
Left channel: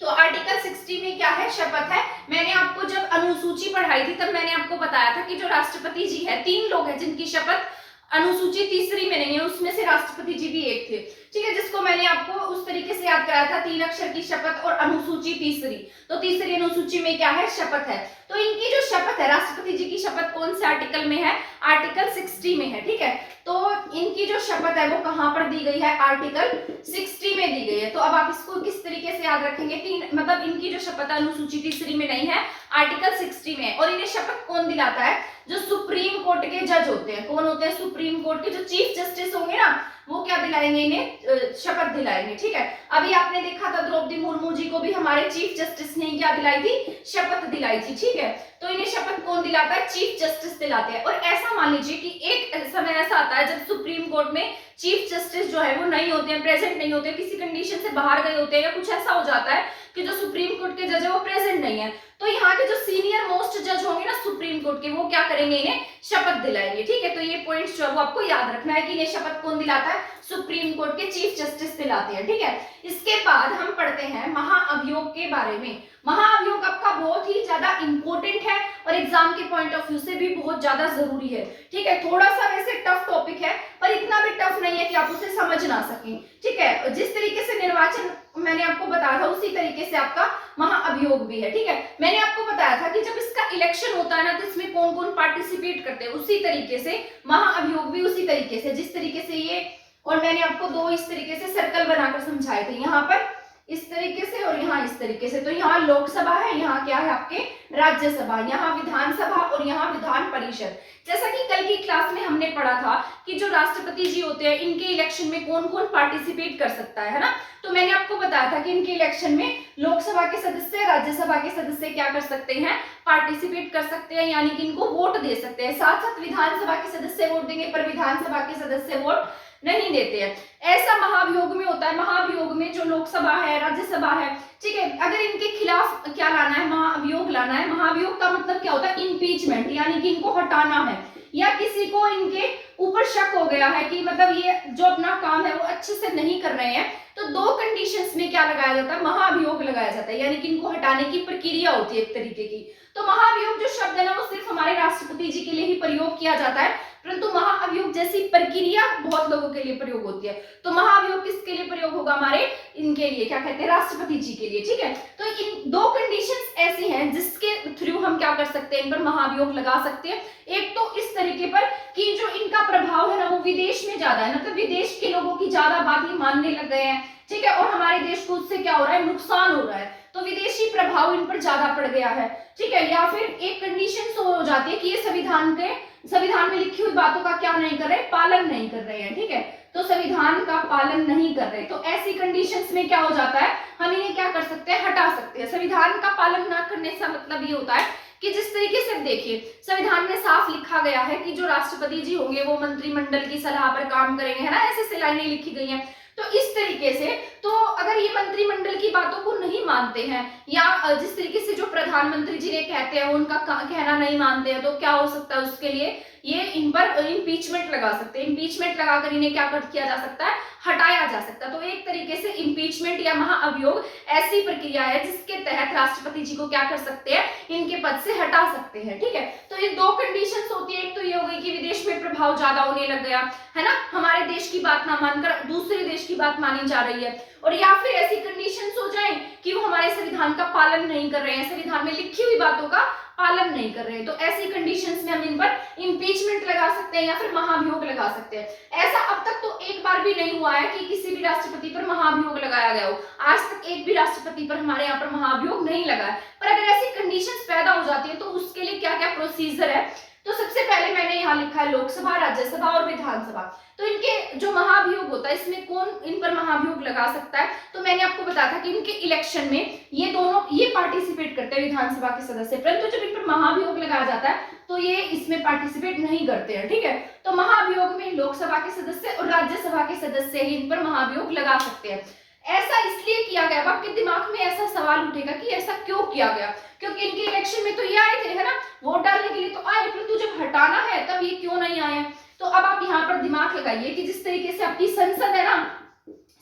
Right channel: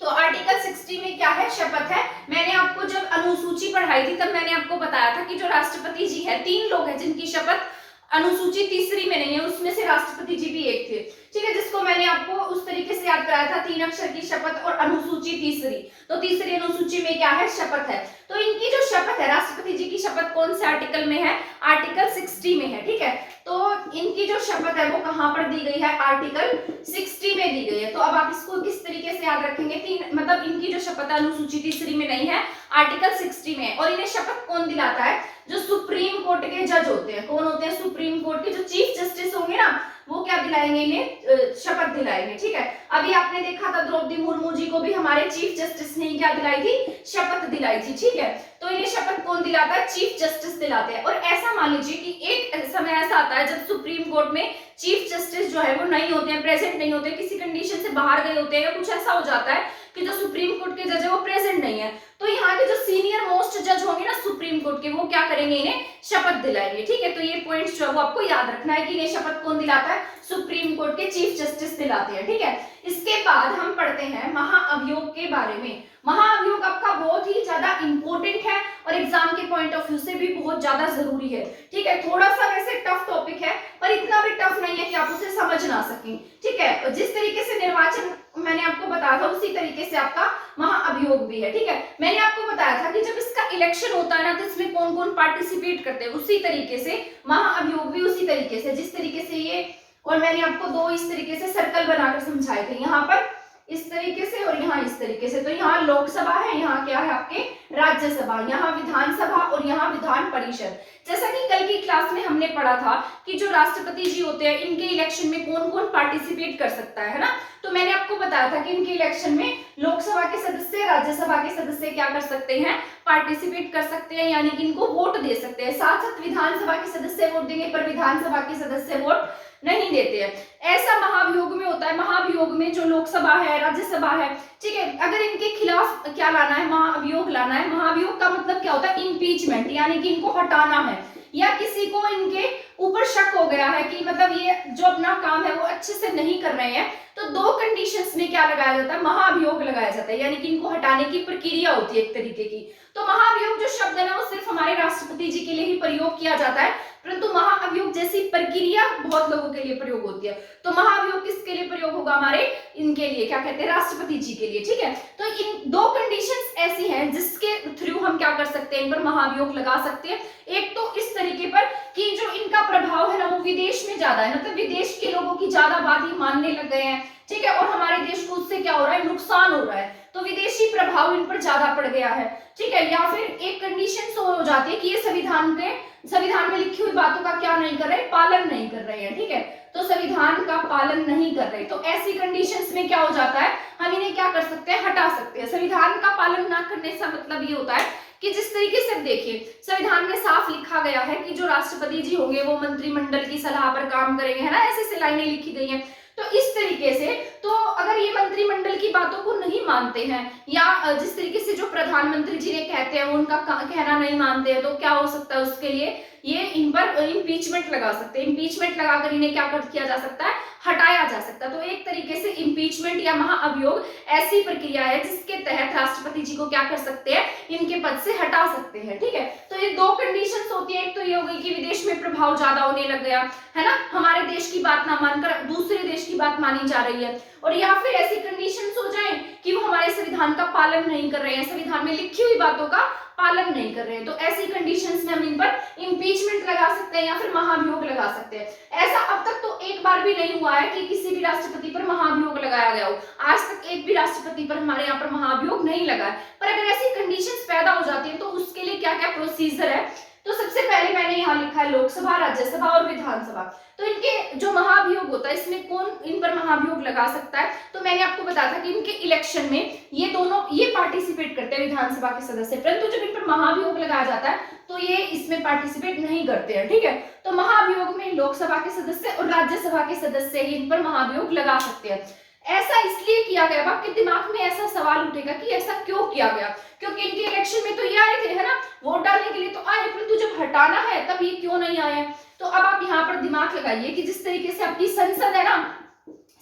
तो आर्टिकल 60 में क्या है, शपथ है। मैंने आपको जब अनुसूची पढ़ाई थी तब मैंने आपको बताया था कि जो राष्ट्रपति जी है, 3 लोग हैं जिनकी शपथ अनुसूची तीसरी में नहीं है, उसमें से राष्ट्रपति जी भी एक थे, ठीक है, जिसको मैंने आपको उस तरीके से याद कराया था, 3 अक्षर की शपथ और अनुसूची तीसरी। तो तीसरी अनुसूची में क्या है, शपथ है। तो इनकी जो शपथ है, राष्ट्रपति जी की शपथ कौन से आर्टिकल में है, आर्टिकल 60 में है, ठीक है। तो इनकी जो शपथ है वो कहां पर दी गई है, आर्टिकल 60 में दी गई है। तो अब आप इसको किस तरीके से याद रखेंगे, मतलब इनकी जो शपथ अनुसूची तीसरी में नहीं है, आर्टिकल 60 में है। और इन्हें शपथ कौन दिलाता है, जो सुप्रीम कोर्ट के जज होते हैं। कौन होते हैं, सुप्रीम कोर्ट के जो चीफ जस्टिस होंगे ना, वो क्या दिलाएंगे, इन्हें शपथ दिलाएंगे, ठीक है। अभी आपने देखा था द्रौपदी मुर्मू जी को भी हमारे चीफ जस्टिस ने क्या दिलाई थी, शपथ दिलाई थी, ठीक है। तो इन्हें शपथ कौन दिलाता है, चीफ जस्टिस दिलाते हैं। और ऐसा मान लीजिए कि एक समय ऐसा आता है जब सुप्रीम कोर्ट में चीफ जस्टिस जो है वो नहीं होते हैं, प्रेजेंट नहीं होते, किसी कंडीशन से बाहर गए होते हैं, या कुछ ऐसा हो जाता है कि जो सुप्रीम कोर्ट के जज है वो प्रेजेंट नहीं है। तो यहाँ के जो सीनियर मोस्ट जज होंगे ना सुप्रीम कोर्ट के, वो क्या करेंगे, इन्हें शपथ दिलाएंगे, ठीक है। तो ये पॉइंट्स जो है वो आपको याद रखना है कि इन्हें शपथ कौन दिलाता है, सुप्रीम कोर्ट के चीफ जस्टिस दिलाते हैं, ठीक है। इसके बाद हम पढ़ते हैं महाअभियोग के बारे में। महाअभियोग आपका बहुत ही ज्यादा इंपॉर्टेंट है और एग्जाम के पॉइंट ऑफ व्यू से भी बहुत ज्यादा जरूरी है, ठीक है। थोड़ा सा वैसे टफ टॉपिक है पर इतना भी टफ नहीं है कि आप उसे समझ ना सकें, ठीक है। जिस तरीके से निर्वाचन मैंने आपको बताया था उसी तरीके से आपका महाअभियोग भी है, ठीक है। मैंने आपको बताया था कि जब इसका इलेक्शन होता है ना तो इसमें कौन कौन पार्टिसिपेट करते हैं, उसी तरीके से महाअभियोग भी उसी तरीके से, जिस तरीके से ये, और मैंने आपको 2 इस तरीके से सर्कल बनाकर समझाए थे, यहाँ पर इस तरीके से और यहाँ इस तरीके से। तो यहाँ लोकसभा है, यहाँ क्या है आपके राज्यसभा, यहाँ विधानसभा और यहाँ विधान परिषद। जैसा कि कल की क्लास में हमने पढ़ा था कि जो राष्ट्रपति जी होते हैं इनके इलेक्शन में कौन कौन पार्टिसिपेट कर सकता है ना। तो मैंने आपको बताया था कि इनके इलेक्शन में लोकसभा के सदस्य, राज्यसभा के सदस्य क्या कर सकते हैं, पार्टिसिपेट कर सकते हैं, यानी कि इनको वोट दे सकते हैं। साथ साथ विधानसभा के सदस्य वोट देंगे पर विधानसभा के सदस्य वोट नहीं देते हैं। ऐसा महाभियोग में होता है। महाभियोग में जो लोकसभा है, राज्यसभा है, ठीक है, अगर इनके खिलाफ क्या लाना है, महाभियोग लाना है। महाभियोग का मतलब क्या होता है, इम्पीचमेंट, यानी कि इनको हटाना है, या किसी को इनके ऊपर शक हो गया है कि मतलब ये जो अपना काम है वो अच्छे से नहीं कर रहे हैं, तो 2 कंडीशंस में क्या लगाया जाता है, महाभियोग लगाया जाता है, यानी कि इनको हटाने की प्रक्रिया होती है एक तरीके की। तो महाभियोग जो शब्द है ना वो सिर्फ हमारे राष्ट्रपति जी के लिए ही प्रयोग किया जाता है, परंतु महाअभियोग जैसी प्रक्रिया बहुत लोगों के लिए प्रयोग होती है। तो महाअभियोग किसके लिए प्रयोग होगा, हमारे इनके लिए, क्या कहते हैं, राष्ट्रपति जी के लिए, ठीक है। तो इन 2 कंडीशंस ऐसी हैं जिसके थ्रू हम क्या कर सकते हैं, इन पर महाअभियोग लगा सकते हैं। एक तो इस तरीके पर कि जो इनका प्रभाव है ना वो विदेश में ज्यादा है, मतलब विदेश के लोगों की ज्यादा बात ही मानने लग गए हैं, ठीक है, और हमारे देश को उससे क्या हो रहा है, नुकसान हो रहा है, तो विदेशी प्रभाव इन पर ज्यादा पड़ गया है, ठीक है। या फिर एक कंडीशन हो जाती है कि ये संविधान में लिखी हुई बातों का क्या नहीं कर रहे, पालन नहीं कर रहे हैं, ठीक है, तो संविधान का पालन नहीं कर रहे। तो ऐसी कंडीशंस में क्या हो जाता है, हम इन्हें क्या कर सकते हैं, हटा सकते हैं। संविधान का पालन ना करने का मतलब ये होता है कि जिस तरीके से देखिए संविधान में साफ लिखा गया है कि जो राष्ट्रपति जी होंगे वो मंत्रिमंडल की सलाह पर काम करेंगे, है ना, ऐसे लाइनें लिखी गई हैं। तो इस तरीके से तो अगर ये मंत्रिमंडल की बातों को नहीं मानते हैं, या जिस तरीके से जो प्रधानमंत्री जी ने कहते हैं उनका कहना नहीं मानते हैं, तो क्या हो सकता है, उसके लिए ये इन पर इम्पीचमेंट लगा सकते हैं। इम्पीचमेंट लगाकर इन्हें क्या किया जा सकता है, हटाया जा सकता है। तो एक तरीके से इम्पीचमेंट या महाअभियोग ऐसी प्रक्रिया है जिसके तहत राष्ट्रपति जी को क्या कर सकते हैं, इनके पद से हटा सकते हैं। ठीक है, तो ये दो कंडीशंस होती है, एक तो ये हो गई कि विदेश में प्रभाव ज्यादा होने लग गया है ना, हमारे देश की बात ना मानकर दूसरे देश की बात मानी जा रही है, और या फिर ऐसी कंडीशंस हो जाए कि वो हमारे संविधान का पालन नहीं कर रहे हैं, संविधान में लिखी हुई बातों का पालन नहीं कर रहे हैं। तो ऐसी कंडीशंस में हम इन पर इम्पीचमेंट लगा सकते हैं या फिर महाभियोग लगा सकते हैं। ऐसा अब तक तो एक बार भी नहीं हुआ है कि किसी भी राष्ट्रपति पर महाभियोग लगाया गया हो, आज तक एक भी राष्ट्रपति पर हमारे यहाँ पर महाभियोग नहीं लगा है। पर अगर ऐसी कंडीशंस पैदा हो जाती है तो उसके लिए क्या क्या प्रोसीजर है, तो सबसे पहले मैंने यहाँ लिखा है लोकसभा, राज्यसभा और विधानसभा। तो इनके जो महाभियोग होता है इसमें कौन इन पर महाभियोग लगा सकता है, तो मैंने आपको बताया था कि इनके इलेक्शन में ये दोनों ये पार्टिसिपेट करते हैं विधानसभा के सदस्य, परंतु जब इन पर महाभियोग लगाया जाता है तो ये इसमें पार्टिसिपेट नहीं करते हैं। ठीक है, तो महाभियोग में लोकसभा के सदस्य और राज्यसभा के सदस्य ही इन पर महाभियोग लगा सकते हैं। ऐसा इसलिए किया गया, आपके दिमाग में ऐसा सवाल उठेगा कि ऐसा क्यों किया गया, क्योंकि इनके इलेक्शन में तो ये आए थे है ना, वोट डालने के लिए तो आए, परंतु जब हटाना है तब ये क्यों नहीं आए। तो अब आप यहाँ पर दिमाग लगाइए कि जिस तरीके से आपकी संसद है ना,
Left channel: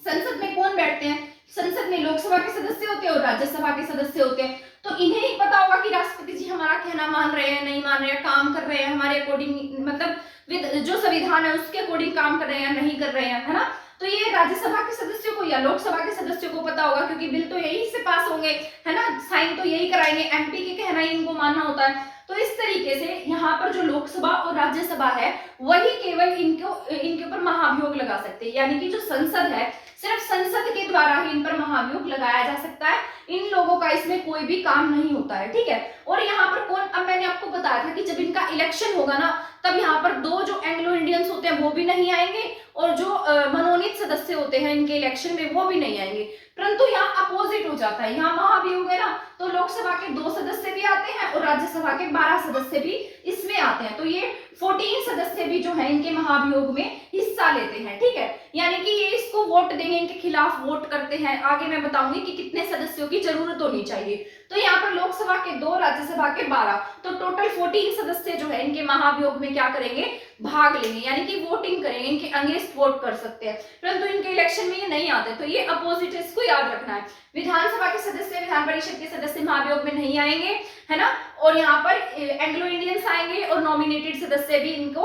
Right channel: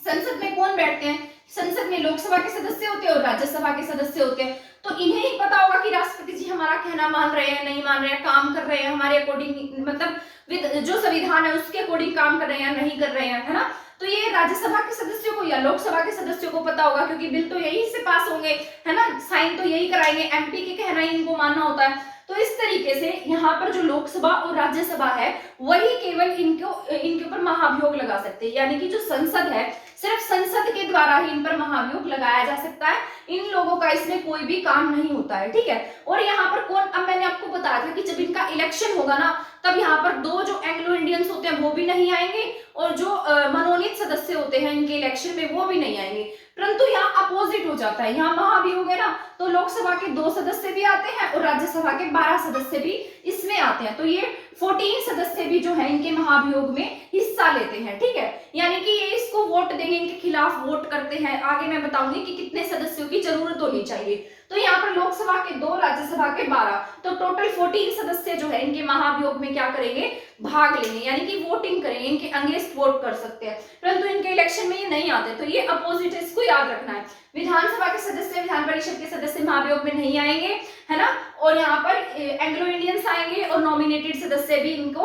संसद में कौन बैठते हैं, संसद में लोकसभा के सदस्य होते हैं और राज्यसभा के सदस्य होते हैं। तो इन्हें ही पता होगा कि राष्ट्रपति जी हमारा कहना मान रहे हैं, नहीं मान रहे हैं, काम कर रहे हैं हमारे अकॉर्डिंग, मतलब जो संविधान है उसके अकॉर्डिंग काम कर रहे हैं या नहीं कर रहे हैं, है ना। तो ये राज्यसभा के सदस्यों को या लोकसभा के सदस्यों को पता होगा, क्योंकि बिल तो यही से पास होंगे है ना, साइन तो यही कराएंगे, एमपी के कहना ही इनको मानना होता है। तो इस तरीके से यहाँ पर जो लोकसभा और राज्यसभा है वही केवल इनके ऊपर महाभियोग लगा सकते हैं, यानी कि जो संसद है सिर्फ संसद के द्वारा ही इन पर महाभियोग लगाया जा सकता है, इन लोगों का इसमें कोई भी काम नहीं होता है। ठीक है, और यहाँ पर कौन, अब मैंने आपको बताया था कि जब इनका इलेक्शन होगा ना तब यहाँ पर दो जो एंग्लो इंडियंस होते हैं वो भी नहीं आएंगे और जो मनोनीत सदस्य होते हैं इनके इलेक्शन में वो भी नहीं आएंगे, परंतु यहाँ अपोजिट हो जाता है, यहाँ महाभियोग है ना तो लोकसभा के 2 सदस्य भी आते हैं और राज्यसभा के 12 सदस्य भी इसमें आते हैं। तो ये 14 सदस्य भी जो है इनके महाभियोग में हिस्सा लेते हैं। ठीक है, यानी कि ये इसको वोट देंगे, इनके खिलाफ वोट करते हैं। आगे मैं बताऊंगी कि कितने सदस्यों की जरूरत होनी चाहिए। तो यहाँ पर लोकसभा के 2, राज्यसभा के 12, तो टोटल 14 सदस्य जो है इनके महाभियोग में क्या करेंगे, भाग लेंगे, यानी कि वोटिंग करेंगे, इनके अगेंस्ट वोट कर सकते हैं, परंतु इनके इलेक्शन में ये नहीं आते। तो ये अपोजिट है, इसको याद रखना है। विधानसभा के सदस्य, विधान परिषद के सदस्य महाभियोग में नहीं आएंगे है ना, और यहाँ पर एंग्लो इंडियंस आएंगे और नॉमिनेटेड सदस्य भी इनको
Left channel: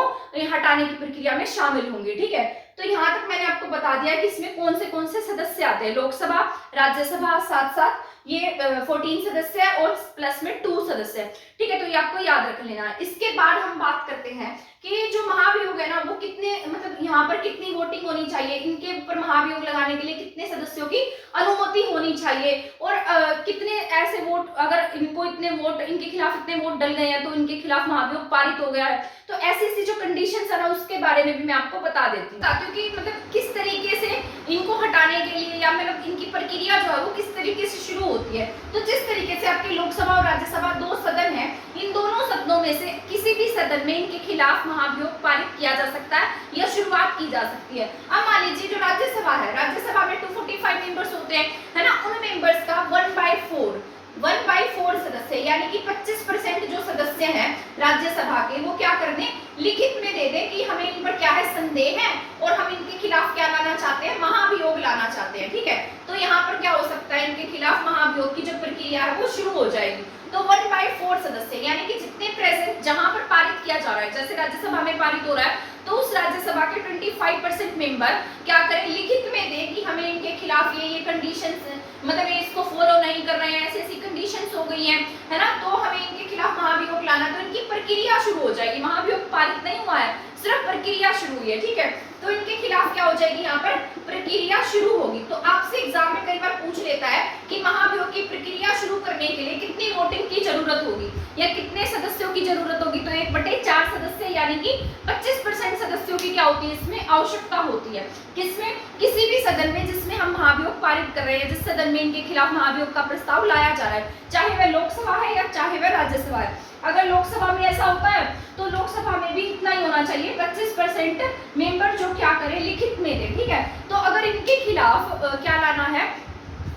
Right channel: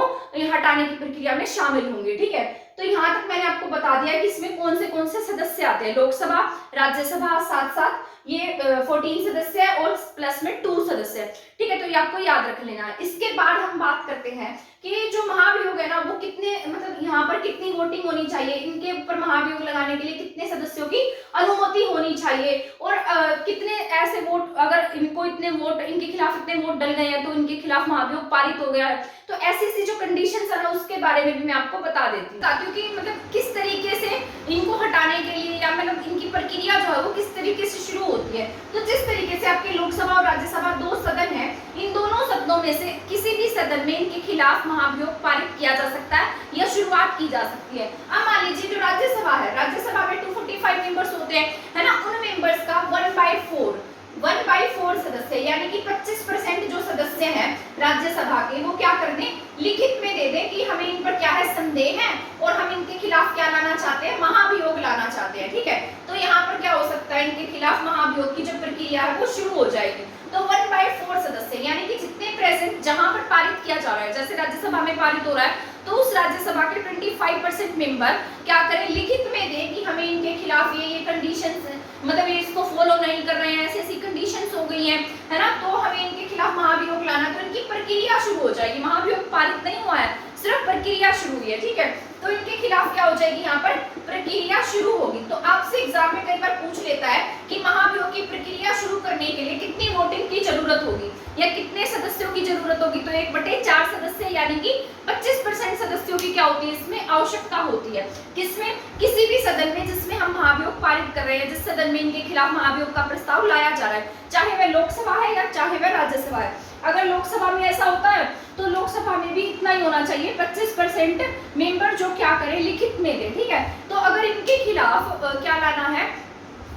हटाने की प्रक्रिया में शामिल होंगे। ठीक है, तो यहाँ तक मैंने आपको बता दिया कि इसमें कौन से सदस्य आते हैं, लोकसभा, राज्यसभा, साथ साथ ये 14 सदस्य है और प्लस में 2 सदस्य है। ठीक है, तो ये आपको याद रख लेना है। इसके बाद हम बात करते हैं कि जो महाभियोग है ना वो कितने, मतलब यहाँ पर कितनी वोटिंग होनी चाहिए, इनके ऊपर महाभियोग लगाने के लिए कितने सदस्यों की अनुमति होनी चाहिए, और कितने ऐसे वोट, अगर इनको इतने वोट, इनके खिलाफ इतने वोट डल गए हैं तो इनके खिलाफ महाभियोग पारित हो गया है। तो ऐसी जो कंडीशंस है ना उसके बारे में भी मैं आपको बता देती हूँ, क्योंकि मतलब किस तरीके से इनको हटाने के लिए या मतलब इनकी प्रक्रिया जो है वो किस तरीके से शुरू होती है। तो जिस तरीके से आपके लोकसभा और राज्यसभा 2 सदन है, इन दोनों सदनों में से किसी भी सदन में इनके खिलाफ महाभियोग पारित किया जा सकता है या शुरुआत की जा सकती है। अब मान लीजिए जो राज्यसभा है, राज्यसभा में 245 मेंबर्स होते हैं है ना, उन मेंबर्स का 1/4 सदस्य, यानी कि 25% जो सदस्य हैं राज्यसभा के वो क्या करने, लिखित में दे दें कि हमें इन पर क्या है, संदेह है और हम इनके खिलाफ क्या लाना चाहते हैं, महाभियोग लाना चाहते हैं। ठीक है, तो यहाँ पर क्या हो सकता है, इनके खिलाफ महाभियोग की जो प्रक्रिया है वो शुरू हो जाएगी। तो 1/4 सदस्य, यानी कि जितने प्रेजेंट जहां पर पारित किया जा रहा है, जैसे राज्यसभा में पारित हो रहा है तो उस राज्यसभा के 25% मेंबर क्या करें, लिखित में दें कि हमें इनके खिलाफ ये कंडीशंस, मतलब ये इसको फॉलो नहीं कर रहे हैं, ऐसी कंडीशंस हो गई हैं है ना, तो हमें इनके खिलाफ महाभियोग लाना, तो इनकी प्रक्रिया शुरू हो जाएगी। महाभियोग पारित नहीं हुआ है, सिर्फ प्रक्रिया शुरू हुई है। ठीक है, तो इनके खिलाफ क्या हो जाएगी, यहाँ पर प्रक्रिया शुरू होगी। तो आपसे एग्जाम में कई बार पूछ लेता है कि महाभियोग की प्रक्रिया शुरू करने के लिए कितनी वोटिंग की जरूरत होगी या कितने सदस्यों की जरूरत होगी, तो 1/4 सदस्य, यानी कि 25% सदस्यों की क्या होती है, इसमें आवश्यकता होती है। किसमें, किसी भी सदन में जिसमें हम महाभियोग पारित कर रहे हैं, जिस सदन में इनके खिलाफ महाभियोग का प्रस्ताव लाया जा रहा है, चाहे वह लोकसभा है या चाहे वह राज्यसभा है। अगर लोकसभा में ऐसा होता है तो लोकसभा में भी इतना ही होना चाहिए, 25% मेंबर जो क्या करें, लिखित में दे। ठीक है, तो अगर इनके खिलाफ क्या लाना है,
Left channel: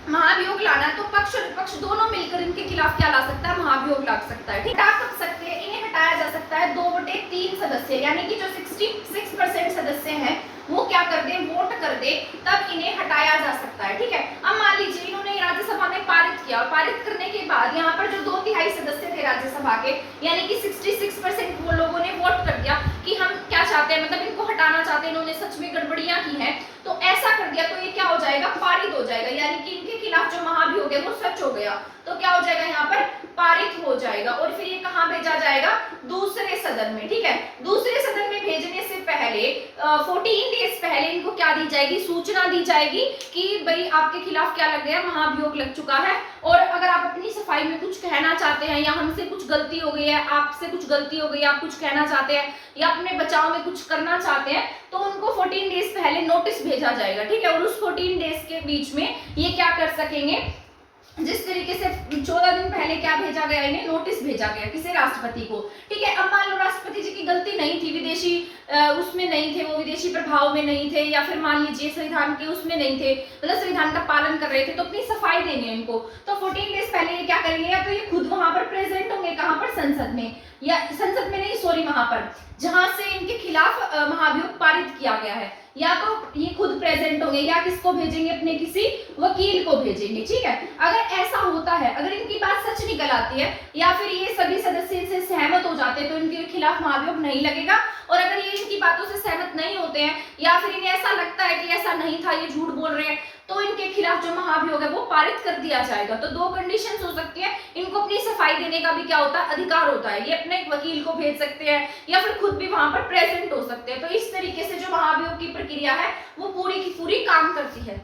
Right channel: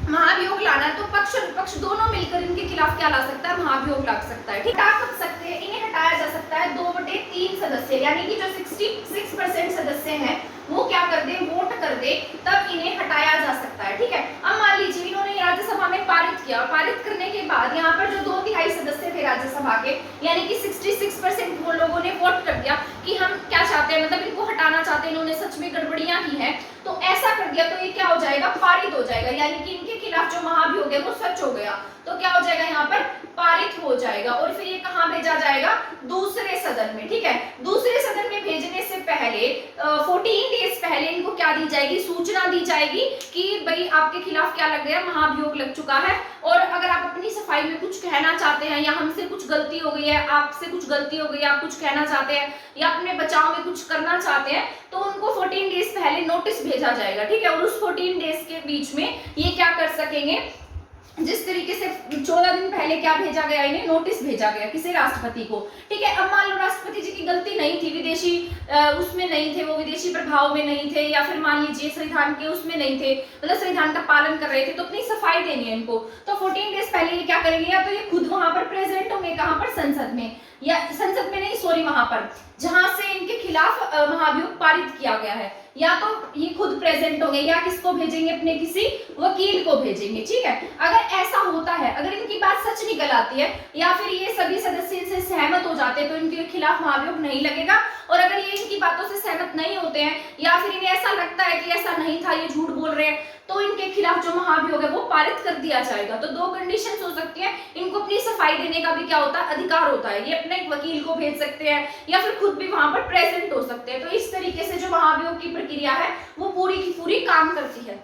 महाभियोग लाना है, तो पक्ष और विपक्ष दोनों मिलकर इनके खिलाफ क्या ला सकता है, महाभियोग ला सकता है। ठीक है, हटा कब सकते हैं, इन्हें हटाया जा सकता है 2/3 सदस्य, यानी कि जो 66% सदस्य हैं वो क्या कर दे, वोट कर दे, तब इन्हें हटाया जा सकता है। ठीक है, अब मान लीजिए इन्होंने राज्यसभा में पारित किया, पारित करने के बाद यहाँ पर जो 2/3 सदस्य थे राज्यसभा के, यानी कि 66% वो लोगों ने वोट कर दिया कि हम क्या चाहते हैं, मतलब इनको हटाना चाहते हैं, इन्होंने सच में गड़बड़ियां की हैं, तो ऐसा कर दिया तो ये क्या हो जाएगा, पारित हो जाएगा, यानी कि इनके खिलाफ जो महाभियोग है वो सच हो गया, तो क्या हो जाएगा, यहाँ पर पारित हो जाएगा। और फिर ये कहाँ भेजा जाएगा, दूसरे सदन में। ठीक है, दूसरे सदन में भेजने से पहले 14 डेज पहले इनको क्या दी जाएगी, सूचना दी जाएगी कि भाई आपके खिलाफ क्या लग गया, महाभियोग लग चुका है, और अगर आप अपनी सफाई में कुछ कहना चाहते हैं या हमसे कुछ गलती हो गई है, आपसे कुछ गलती हो गई है, आप कुछ कहना चाहते हैं या अपने बचाव में कुछ करना चाहते हैं, तो उनको 14 डेज पहले नोटिस भेजा जाएगा। ठीक है, और उस 14 डेज के बीच में ये क्या कर सकेंगे, जिस तरीके से 14 दिन पहले क्या भेजा गया, इन्हें नोटिस भेजा गया किसे, राष्ट्रपति को। ठीक है, अब मान लो राष्ट्रपति जी की गलती नहीं थी, विदेशी उसमें नहीं थे, वो विदेशी प्रभाव में नहीं थे, या फिर मान लीजिए संविधान के उसमें नहीं थे, मतलब संविधान का पालन कर रहे थे, तो अपनी सफाई देनी है इनको, तो 14 डेज पहले ये क्या करेंगे, या तो ये खुद वहां पर प्रेजेंट होंगे, कहां पर, संसद में, या संसद में नहीं, सॉरी, वहां पर जहां से इनके खिलाफ महाभियोग पारित किया गया है, या तो ये खुद प्रेजेंट होंगे, या किसको भेजेंगे, अपने किसी वकील को भेजेंगे। ठीक है, अगर ऐसा होता है, अगर इनकी बात सच निकल आती है, या फिर ये सभी सदस्य से सहमत हो जाते हैं, तो इनके खिलाफ महाभियोग नहीं लगेगा, और अगर ये इनकी बातों से सहमत नहीं होते हैं, या फिर इन्हें ऐसा लगता है कि ऐसा नहीं था, ये झूठ बोल रहे हैं, तो इनके खिलाफ जो महाभियोग है वो पारित कर दिया जाएगा। तो दो कंडीशंस हो सकती है, इनको अपनी सफाई देने का भी क्या होता है, अधिकार होता है, ये अपने एक वकील को भेज सकते हैं, या फिर खुद भी वहां पर प्रेजेंट हो सकते हैं। तो इस तरीके से जो महाभियोग की प्रक्रिया है वो पूरी की पूरी काम करती है।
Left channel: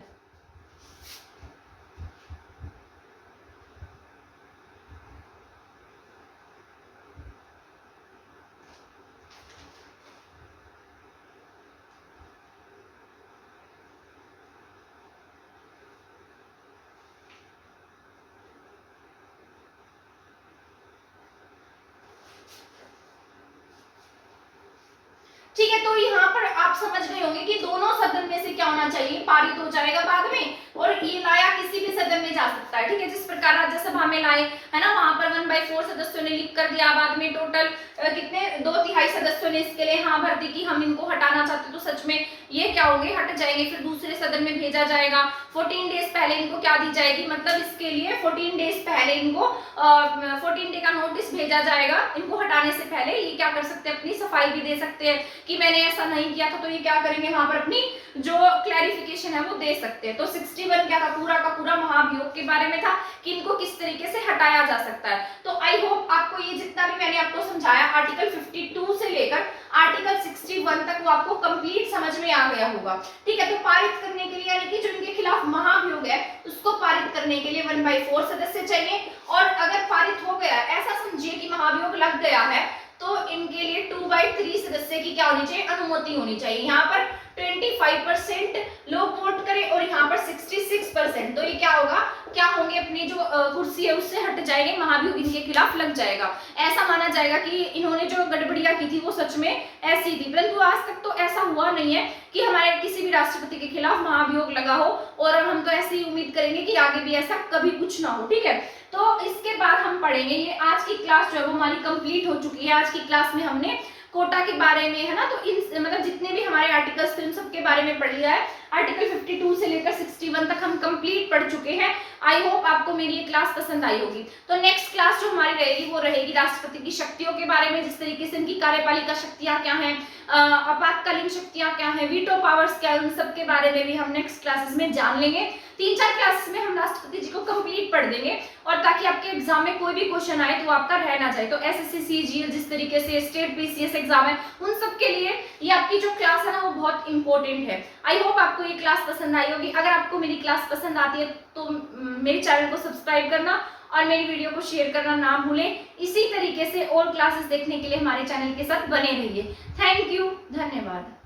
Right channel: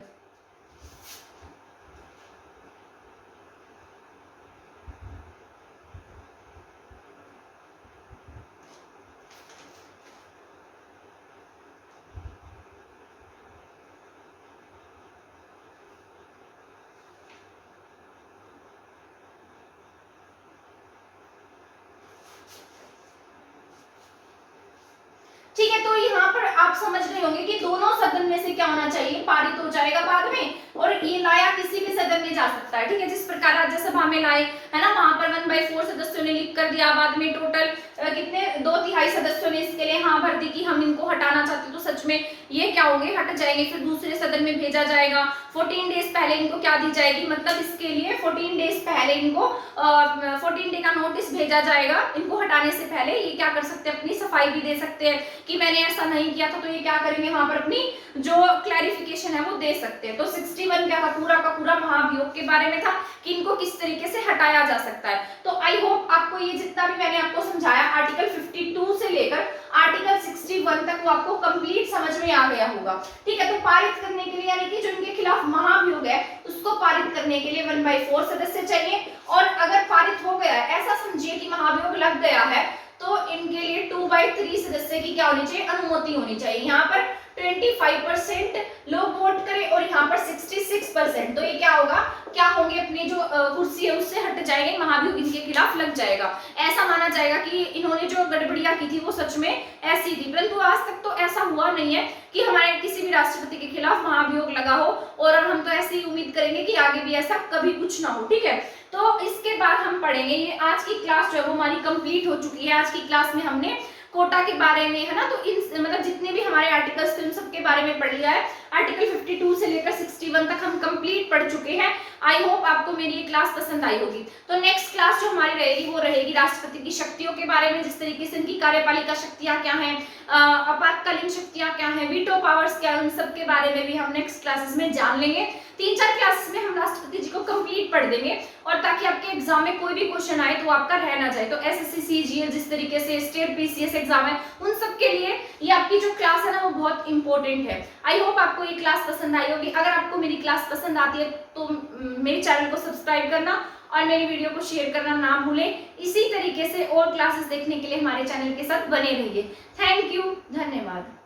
ठीक है, तो यहाँ पर आप समझ गए होंगे कि दोनों सदन में से क्या होना चाहिए, पारित हो जाएगा बाद में, और ये लाया किसी भी सदन में जा सकता है। ठीक है, जिस प्रकार राज्यसभा में लाए है ना, वहां पर 1/4 सदस्यों ने लिख कर दिया, बाद में टोटल कितने 2/3 सदस्यों ने इसके लिए हाँ भर दी कि हम इनको हटाना चाहते, तो सच में ये क्या होंगे, हट जाएंगे, फिर दूसरे सदन में भेजा जाएगा। 14 डेज पहले इनको क्या दी जाएगी, मतलब इसके लिए 14 डेज पहले इनको 14 डे का नोटिस भेजा जाएगा, इनको हटाने से पहले ये क्या कर सकते हैं, अपनी सफाई भी दे सकते हैं कि मैंने ऐसा नहीं किया था, तो ये क्या करेंगे, वहां पर अपनी जो क्लैरिफिकेशन है वो दे सकते हैं। तो 61 क्या था, पूरा का पूरा महाभियोग के बारे में था कि इनको किस तरीके से हटाया जा सकता है। तो आई होप आपको ये जितना भी मैंने आपको समझाया आर्टिकल 52 से लेकर आर्टिकल 61 तक वो आपको कंप्लीट समझ में आ गया होगा। ठीक है, तो पारित करने के लिए, यानी कि जो इनके खिलाफ महाभियोग है उसको पारित करने के लिए 1/4 सदस्य चाहिए, और अगर पारित हो गया, ऐसा समझिए कि महाभियोग लग गया है, तो इनके लिए 2/3 सदस्य की क्या होनी चाहिए, अनुमति होनी चाहिए। यहाँ पर 25% लोग वोट करें और यहाँ पर 66%, तो ये क्या होगा, क्या होंगे, अपनी जो कुर्सी है उससे हट जाएंगे, महाभियोग इनके खिलाफ लग जाएगा। ऐसा माना जाएगा कि इन्होंने जो गड़बड़ियां की थी वो सच में ऐसी थी, परंतु आज तक तो ऐसा हुआ नहीं है कि हमारे किसी भी राष्ट्रपति के खिलाफ महाभियोग लगा हो, और हम तो ऐसी उम्मीद करेंगे कि आगे भी ऐसा कभी कुछ ना हो। ठीक है, तो इसके बाद हम पढ़ेंगे, ये आज की क्लास जो है वो हमारी कंप्लीट हो चुकी है। आज की क्लास में हमने कोटा के बारे में, है ना, तो इन मतलब जितने भी हमारे आर्टिकल्स थे उन सब के बारे में पढ़ लिया है। आर्टिकल 52 से लेकर 61 तक हम कंप्लीट पढ़ चुके हैं। आई होप आपको मेरी ये क्लास पसंद आई होगी। तो नेक्स्ट क्लास जो हमारी रहेगी वो रहेगी राष्ट्रपति की शक्तियों के बारे में, जिस तरीके से इनकी कार्यपालिका शक्तियां क्या हैं, आपातकालीन शक्तियां क्या हैं, वीटो पावर्स क्या है, उन सब के बारे में भी हम नेक्स्ट क्लासेस में जान लेंगे। 3-4 क्लासेस में हम राष्ट्रपति जी को कंप्लीट पढ़ देंगे, और ताकि आपके एग्जाम में कोई भी क्वेश्चन आए तो आपका रह ना जाए। तो एसएससी सीजीएल जिस तरीके से स्टेट पीसीएस एग्जाम है, उन सब के लिए ये आपकी जो क्लास है ना वो बहुत इंपॉर्टेंट है। आई होप आपको ये क्लास पसंद आई होगी। अगर आपको मेरी क्लास पसंद आती है तो मेरे चैनल को सब्सक्राइब करना और मेरी वीडियो को शेयर करना ना भूलें। इसी तरीके से और क्लासेस देखने के लिए हमारे चैनल के साथ बने रहिए। थैंक यू, धन्यवाद।